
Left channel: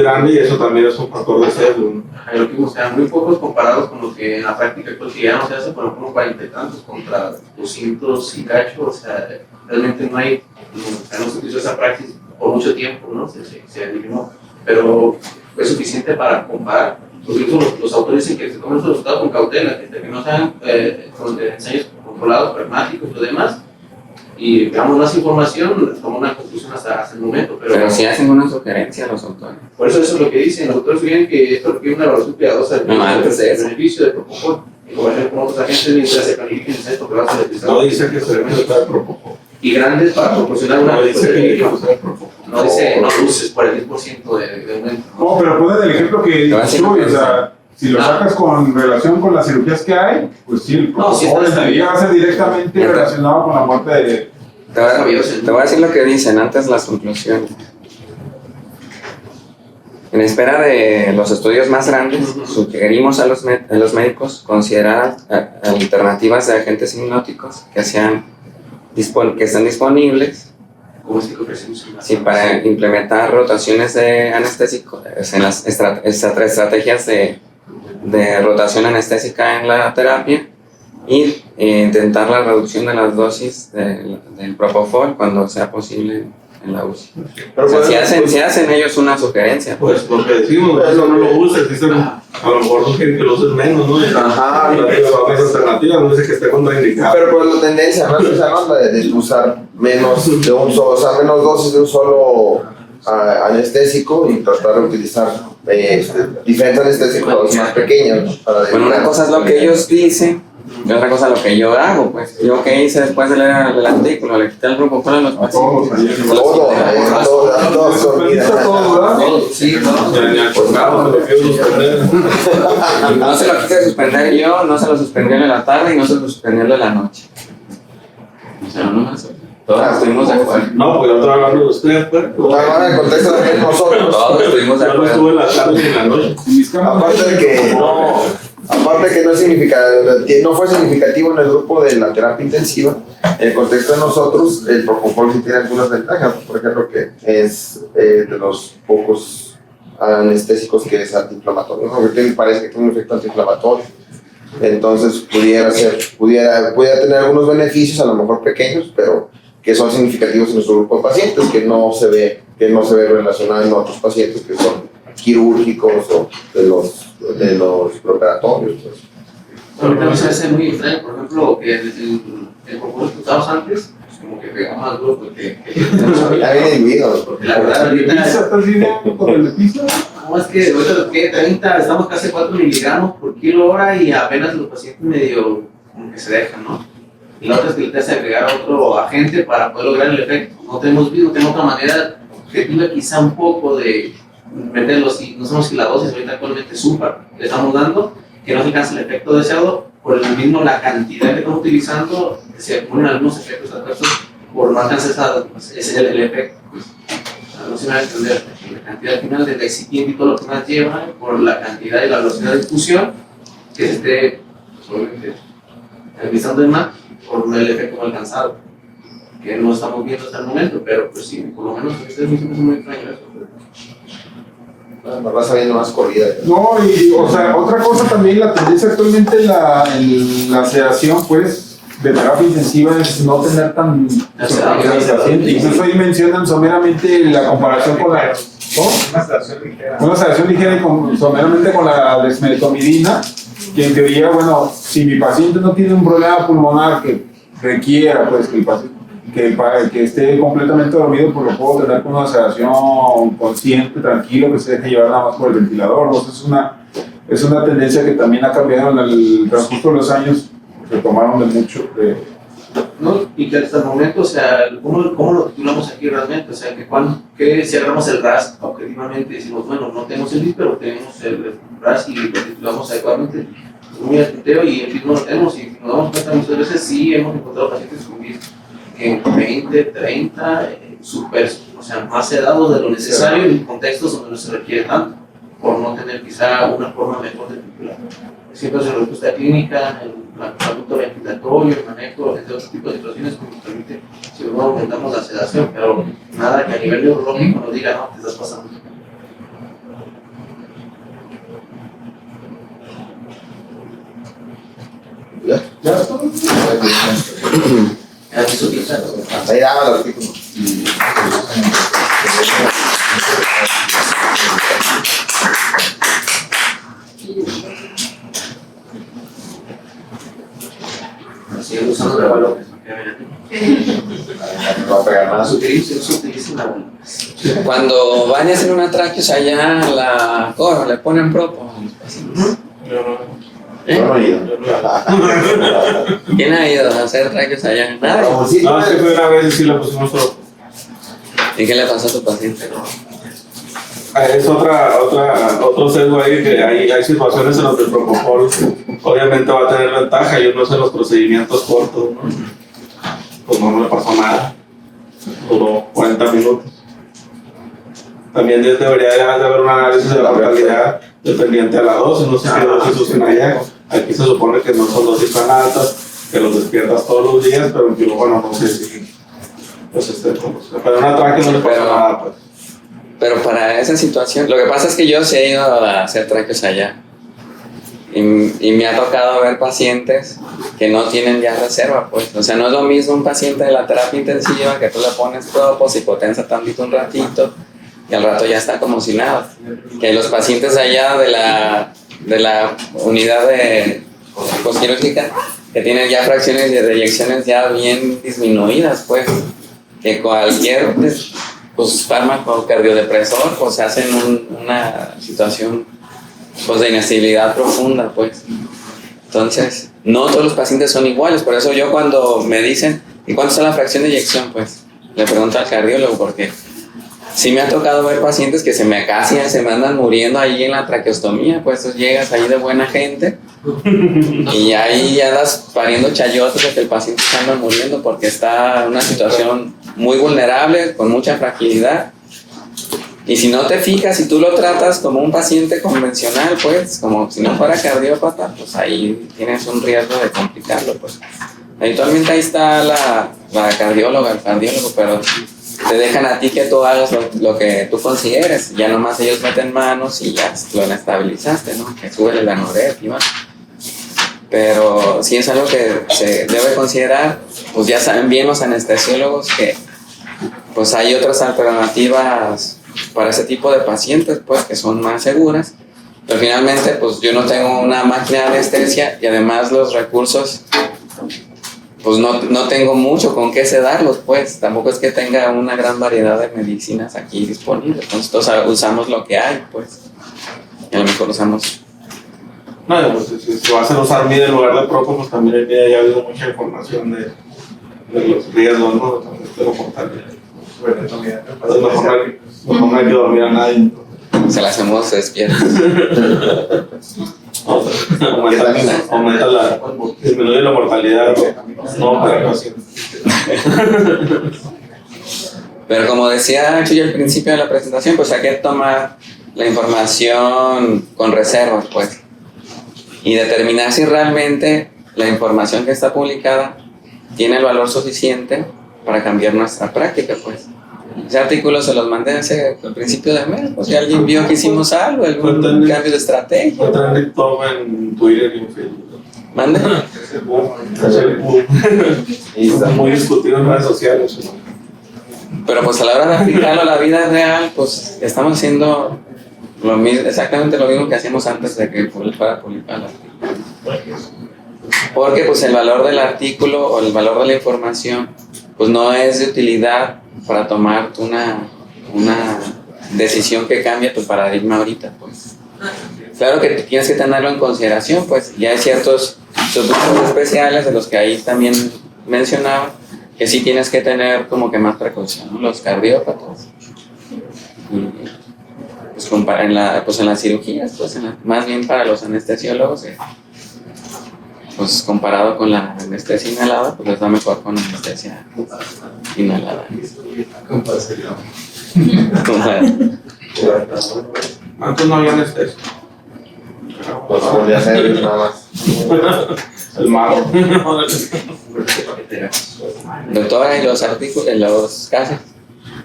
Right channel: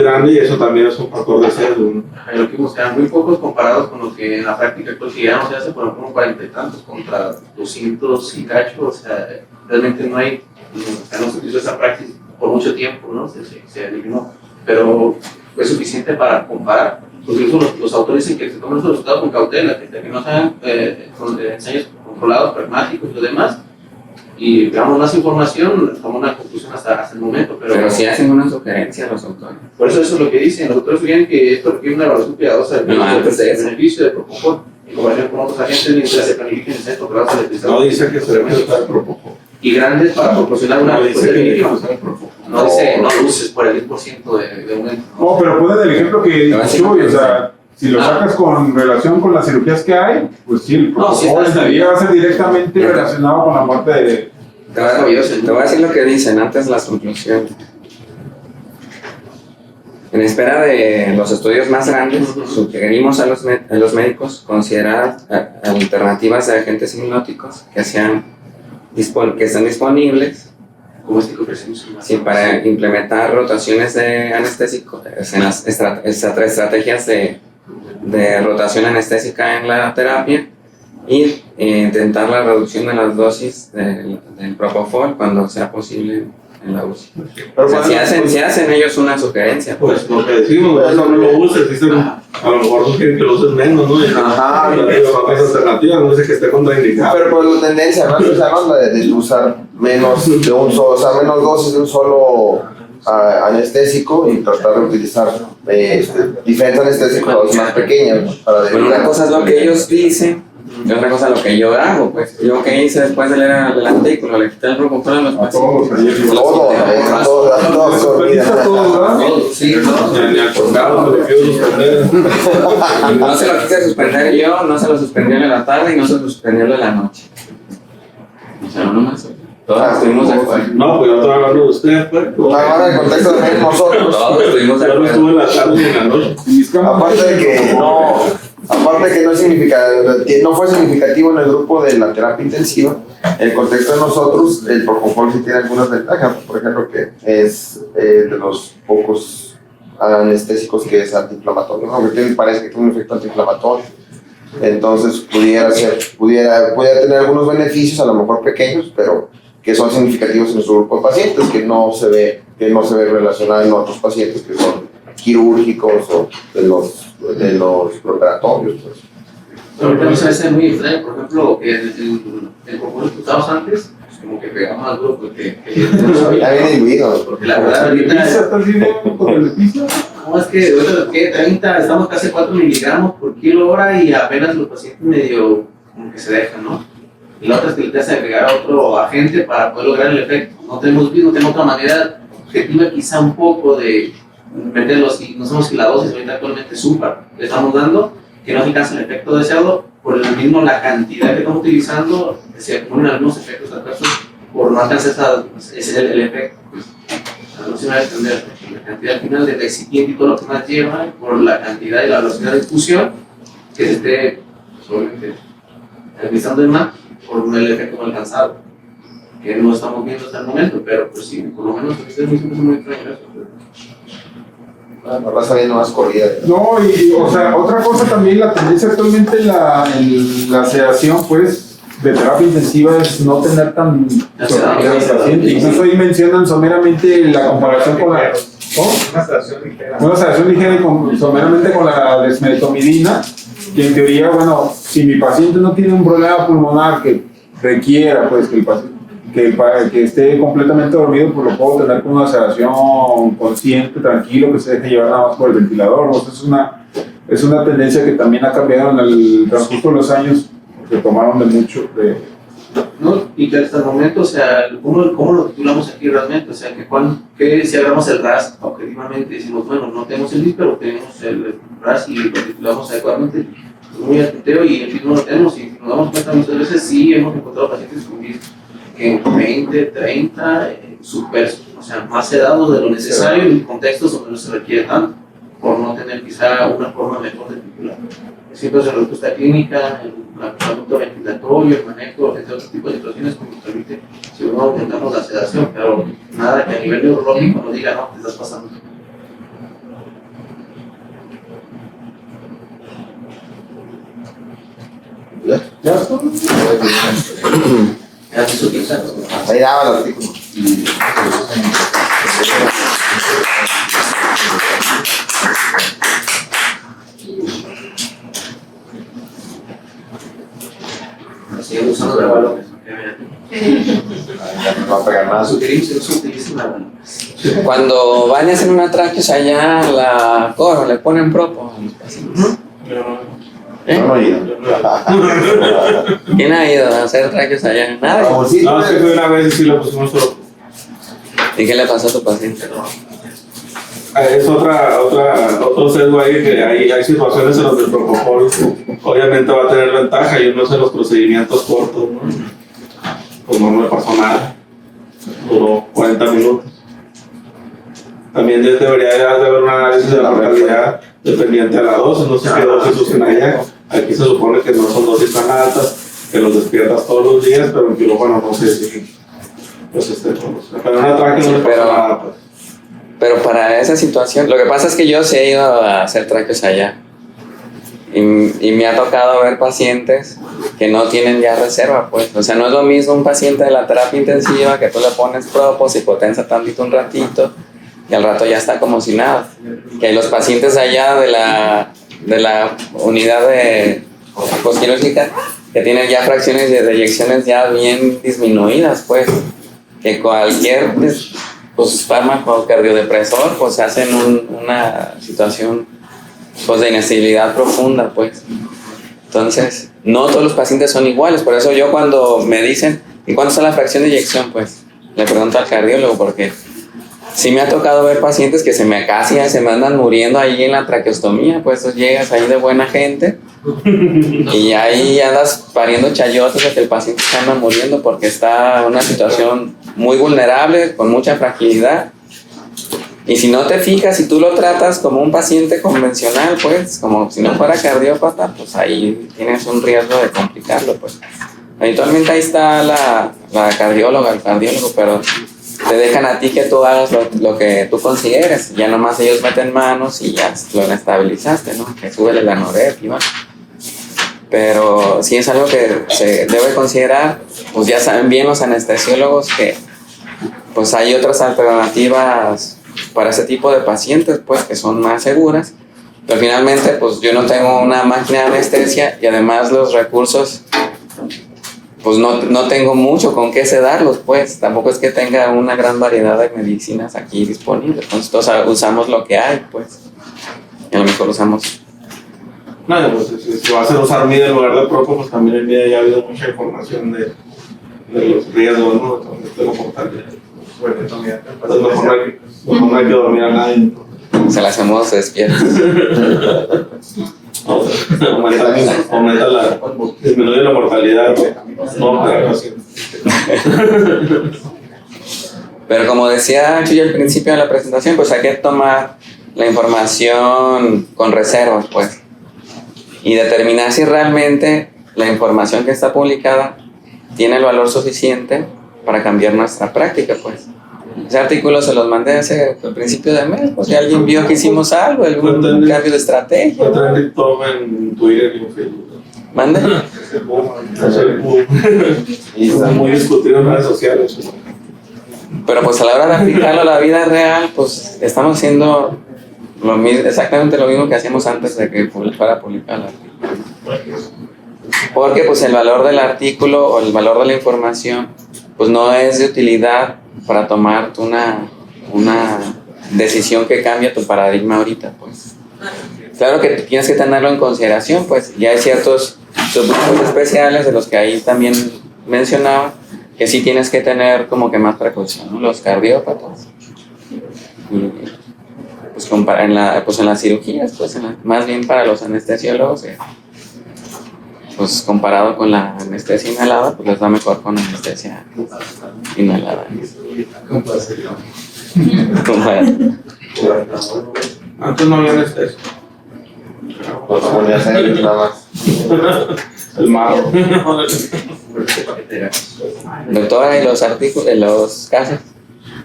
grande y eso también es un factor de sesgo, ¿no? Lo que buscan muy pocos comparados con lo que en la práctica cotidiana se hace, por ejemplo, 40 y tantos contra 200 y cacho, o sea, realmente no hay, no se utilizó esa práctica por mucho tiempo, ¿no? Se eliminó, pero es suficiente para comparar. Incluso los autores dicen que se tomen los resultados con cautela, que no sean con ensayos controlados, pragmáticos y demás, y veamos más información, tomamos una conclusión hasta el momento. Pero si hacen una sugerencia a los autores. Por eso es lo que dicen, los autores sugieren que esto requiere una evaluación cuidadosa del beneficio de propofol, como con otros agentes mientras se planifiquen el centro que va a ser el no dice que se debe usar propofol. Y grandes para proporcionar una no dice que hay que usar propofol. No dice, no luces por el 10% de aumento. No, pero ponen el ejemplo que Chuy, o sea, si lo sacas con relación con las cirugías que hay, pues sí, el propofol va a ser directamente relacionado con la muerte de... Te voy a decir lo que dicen antes las conclusiones. En espera de los estudios más grandes, sugerimos a los médicos considerar alternativas de agentes hipnóticos que estén disponibles para implementar rotaciones de anestésico, estrategias de rotación anestésica en la terapia y intentar la reducción de las dosis del propofol cuando sea posible en la UCI. O sea, si hacen ellos una sugerencia. Pues lo que decimos, eso no lo uses, dicen, a lo mejor no quieren que lo uses menos, ¿no? Ajá, es alternativa, no sé que esté contraindicado. Pero pues la tendencia, ¿no? Es esa onda de usar menos de un solo, o sea, menos dosis de un solo anestésico y tratar de utilizar diferentes anestésicos para los más pequeños, ¿no? Para Bueno, una cosa es lo que ellos dicen y otra cosa es lo que yo hago, pues. Yo que hice después de leer el artículo, le quité el propofol a los pacientes. Sí, no se lo quise suspender yo, no se lo suspendí en la tarde y no se lo suspendió en la noche. O sea, no más. Todos estuvimos de acuerdo. No, pues yo estoy hablando de ustedes, pues. Todos estuvimos de Yo no acuerdo. estuve en la tarde ni en la noche. Aparte que no fue significativo en el grupo de la terapia intensiva, en el contexto de nosotros, el propofol sí tiene algunas ventajas. Por ejemplo, que es de los pocos anestésicos que es antiinflamatorio, ¿no? Porque parece que tiene un efecto antiinflamatorio. Entonces pudiera tener algunos beneficios, a lo mejor pequeños, pero que son significativos en nuestro grupo de pacientes, que no se ve relacionado en otros pacientes que son quirúrgicos o de los preparatorios. Pero también se hace muy extraño, por ejemplo, que el propósito que usabas antes, pues como que pega más duro porque no lo sabía. Está bien diluido. Porque la verdad, ahorita. No, es que ahorita lo que 30, estamos casi 4 miligramos por kilo hora y apenas los pacientes medio como que se dejan, ¿no? Y la otra es que le tienes que agregar a otro agente para poder lograr el efecto. No tenemos otra manera objetiva quizá un poco de meterlos, y no sabemos si la dosis ahorita actualmente super le estamos dando, que no alcanza el efecto deseado, por el mismo la cantidad que estamos utilizando, se ponen algunos efectos adversos por no alcanzar ese es el efecto. Pues. No se va a entender la cantidad final del excipiente y todo lo que más lleva, por la cantidad y la velocidad de infusión que se esté realizando el MAP por el efecto no alcanzado, que no estamos viendo hasta el momento, pero pues sí, por lo menos es muy extraño eso. Me va saliendo más corrida. No, y o sea, otra cosa también, la tendencia actualmente en la sedación, pues, de terapia intensiva es no tener tan paciente. Incluso ahí mencionan someramente la comparación con la una sedación ligera y someramente con la dexmedetomidina, que en teoría, bueno, si mi paciente no tiene un problema pulmonar que requiera, pues, que esté completamente dormido, pues lo puedo tener con una sedación consciente, tranquilo, que se deje llevar nada más por el ventilador. ¿No? Es una tendencia que también ha cambiado en el transcurso de los años, que tomaron de mucho. ¿No? Y que hasta el momento, o sea, ¿cómo lo titulamos aquí realmente? O sea, que si agarramos el RAS objetivamente, decimos, bueno, no tenemos el DIP, pero tenemos el RAS y lo titulamos adecuadamente, es muy atenteo y el mismo lo tenemos, y nos damos cuenta muchas veces sí hemos encontrado pacientes con DIP en 20, 30, subversos, o sea, más sedados de lo necesario en contextos donde no se requiere tanto, por no tener quizá una forma mejor de titular. Siempre es la respuesta clínica, el tratamiento ventilatorio, el manejo, entre otros tipos de situaciones que nos permite, si no aumentamos la sedación, pero nada que a nivel neurológico nos diga, no, te estás pasando. ¿Ya? Ahí daba el artículo. Así usando la balón. Cuando van a hacer una tráqueos allá, la coro, le ponen propo a los pacientes. ¿Quién ha ido a hacer tráqueos allá? Nada. No, es que primera vez sí lo pusimos todo. ¿Y qué le pasó a tu paciente? Es otro sesgo ahí, que hay situaciones en las que el propofol obviamente va a tener ventaja y uno hace los procedimientos cortos, ¿no? Pues no le pasó nada, duró 40 minutos. También debería de haber un análisis de la mortalidad dependiente de la dosis, no sé qué dosis usan allá. Aquí se supone que no son dosis tan altas, que los despiertas todos los días, pero en quirófano no sé si pero una tráquea no le pasa nada, pues. Pero para esa situación, lo que pasa es que yo sí he ido a hacer tráqueos allá y me ha tocado ver pacientes que no tienen ya reserva, pues. O sea, no es lo mismo un paciente de la terapia intensiva que tú le pones propos y potencia tantito un ratito y al rato ya está como si nada. Que los pacientes allá de la unidad de postquirúrgica que tienen ya fracciones de eyecciones ya bien disminuidas, pues. Que cualquier pues fármaco cardiodepresor, pues hacen una situación pues de inestabilidad profunda, pues. Entonces, no todos los pacientes son iguales, por eso yo cuando me dicen, ¿y cuánto está la fracción de eyección? Pues le pregunto al cardiólogo, porque sí me ha tocado ver pacientes que casi se me andan muriendo ahí en la traqueostomía, pues tú llegas ahí de buena gente y ahí andas pariendo chayotes de que el paciente se anda muriendo porque está en una situación muy vulnerable, con mucha fragilidad. Y si no te fijas, si tú lo tratas como un paciente convencional, pues, como si no fuera cardiópata, pues ahí tienes un riesgo de complicarlo, pues. Eventualmente ahí está la cardióloga, el cardiólogo, pero te dejan a ti que tú hagas lo que tú consideres. Ya nomás ellos meten manos y ya lo estabilizaste, ¿no? Que sube el anorec y va. Pero si es algo que se debe considerar, pues ya saben bien los anestesiólogos que pues hay otras alternativas para ese tipo de pacientes, pues, que son más seguras. Pero finalmente, pues, yo no tengo una máquina de anestesia y además los recursos, pues, no tengo mucho con qué sedarlos, pues. Tampoco es que tenga una gran variedad de medicinas aquí disponibles. Entonces, todos usamos lo que hay, pues. Y a lo mejor usamos... No, pues, si vas a usar MIDA en lugar de Propo, pues también en MIDA ya ha habido mucha información de los riesgos, ¿no? De lo mortal. Mejor no hay que dormir a nadie. Se las hacemos despiertos. Disminuye la mortalidad. No, pero no sé. Pero como decía aquí al principio de la presentación, pues hay que tomar la información con reservas, pues. Y determinar si realmente la información que está publicada tiene el valor suficiente para cambiar nuestra práctica, pues. Ese artículo se los mandé hace el principio del mes, pues si alguien vio que hicimos algo, algún cambio de estrategia. En Twitter y en Facebook. ¿Mande? Y está muy discutido en redes sociales. Pero pues a la hora de aplicarlo a la vida real, pues estamos haciendo exactamente lo mismo que hacíamos antes de que fuera publicar el artículo. Porque pues el valor del artículo o el valor de la información pues no es de utilidad para tomar una decisión que cambie tu paradigma ahorita, pues. Claro que tienes que tenerlo en consideración, pues ya hay ciertos subgrupos especiales de los que ahí también mencionaba que sí tienes que tener como que más precaución, ¿no? Los cardiópatas. Pues en las cirugías, pues más bien para los anestesiólogos, pues comparado con la anestesia inhalada, pues les va mejor con la anestesia inhalada. Antes no había anestesia. Pues podría ser nada más. El mago. Doctora, ¿y los artículos, los casos?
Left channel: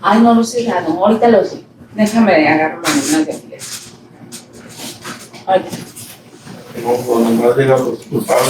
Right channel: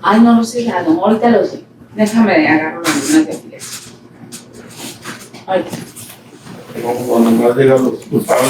Ay, no lo sé, ya no, ahorita lo sé. Déjame agarrar una de aquí. Ay. Cuando más digan los culpables.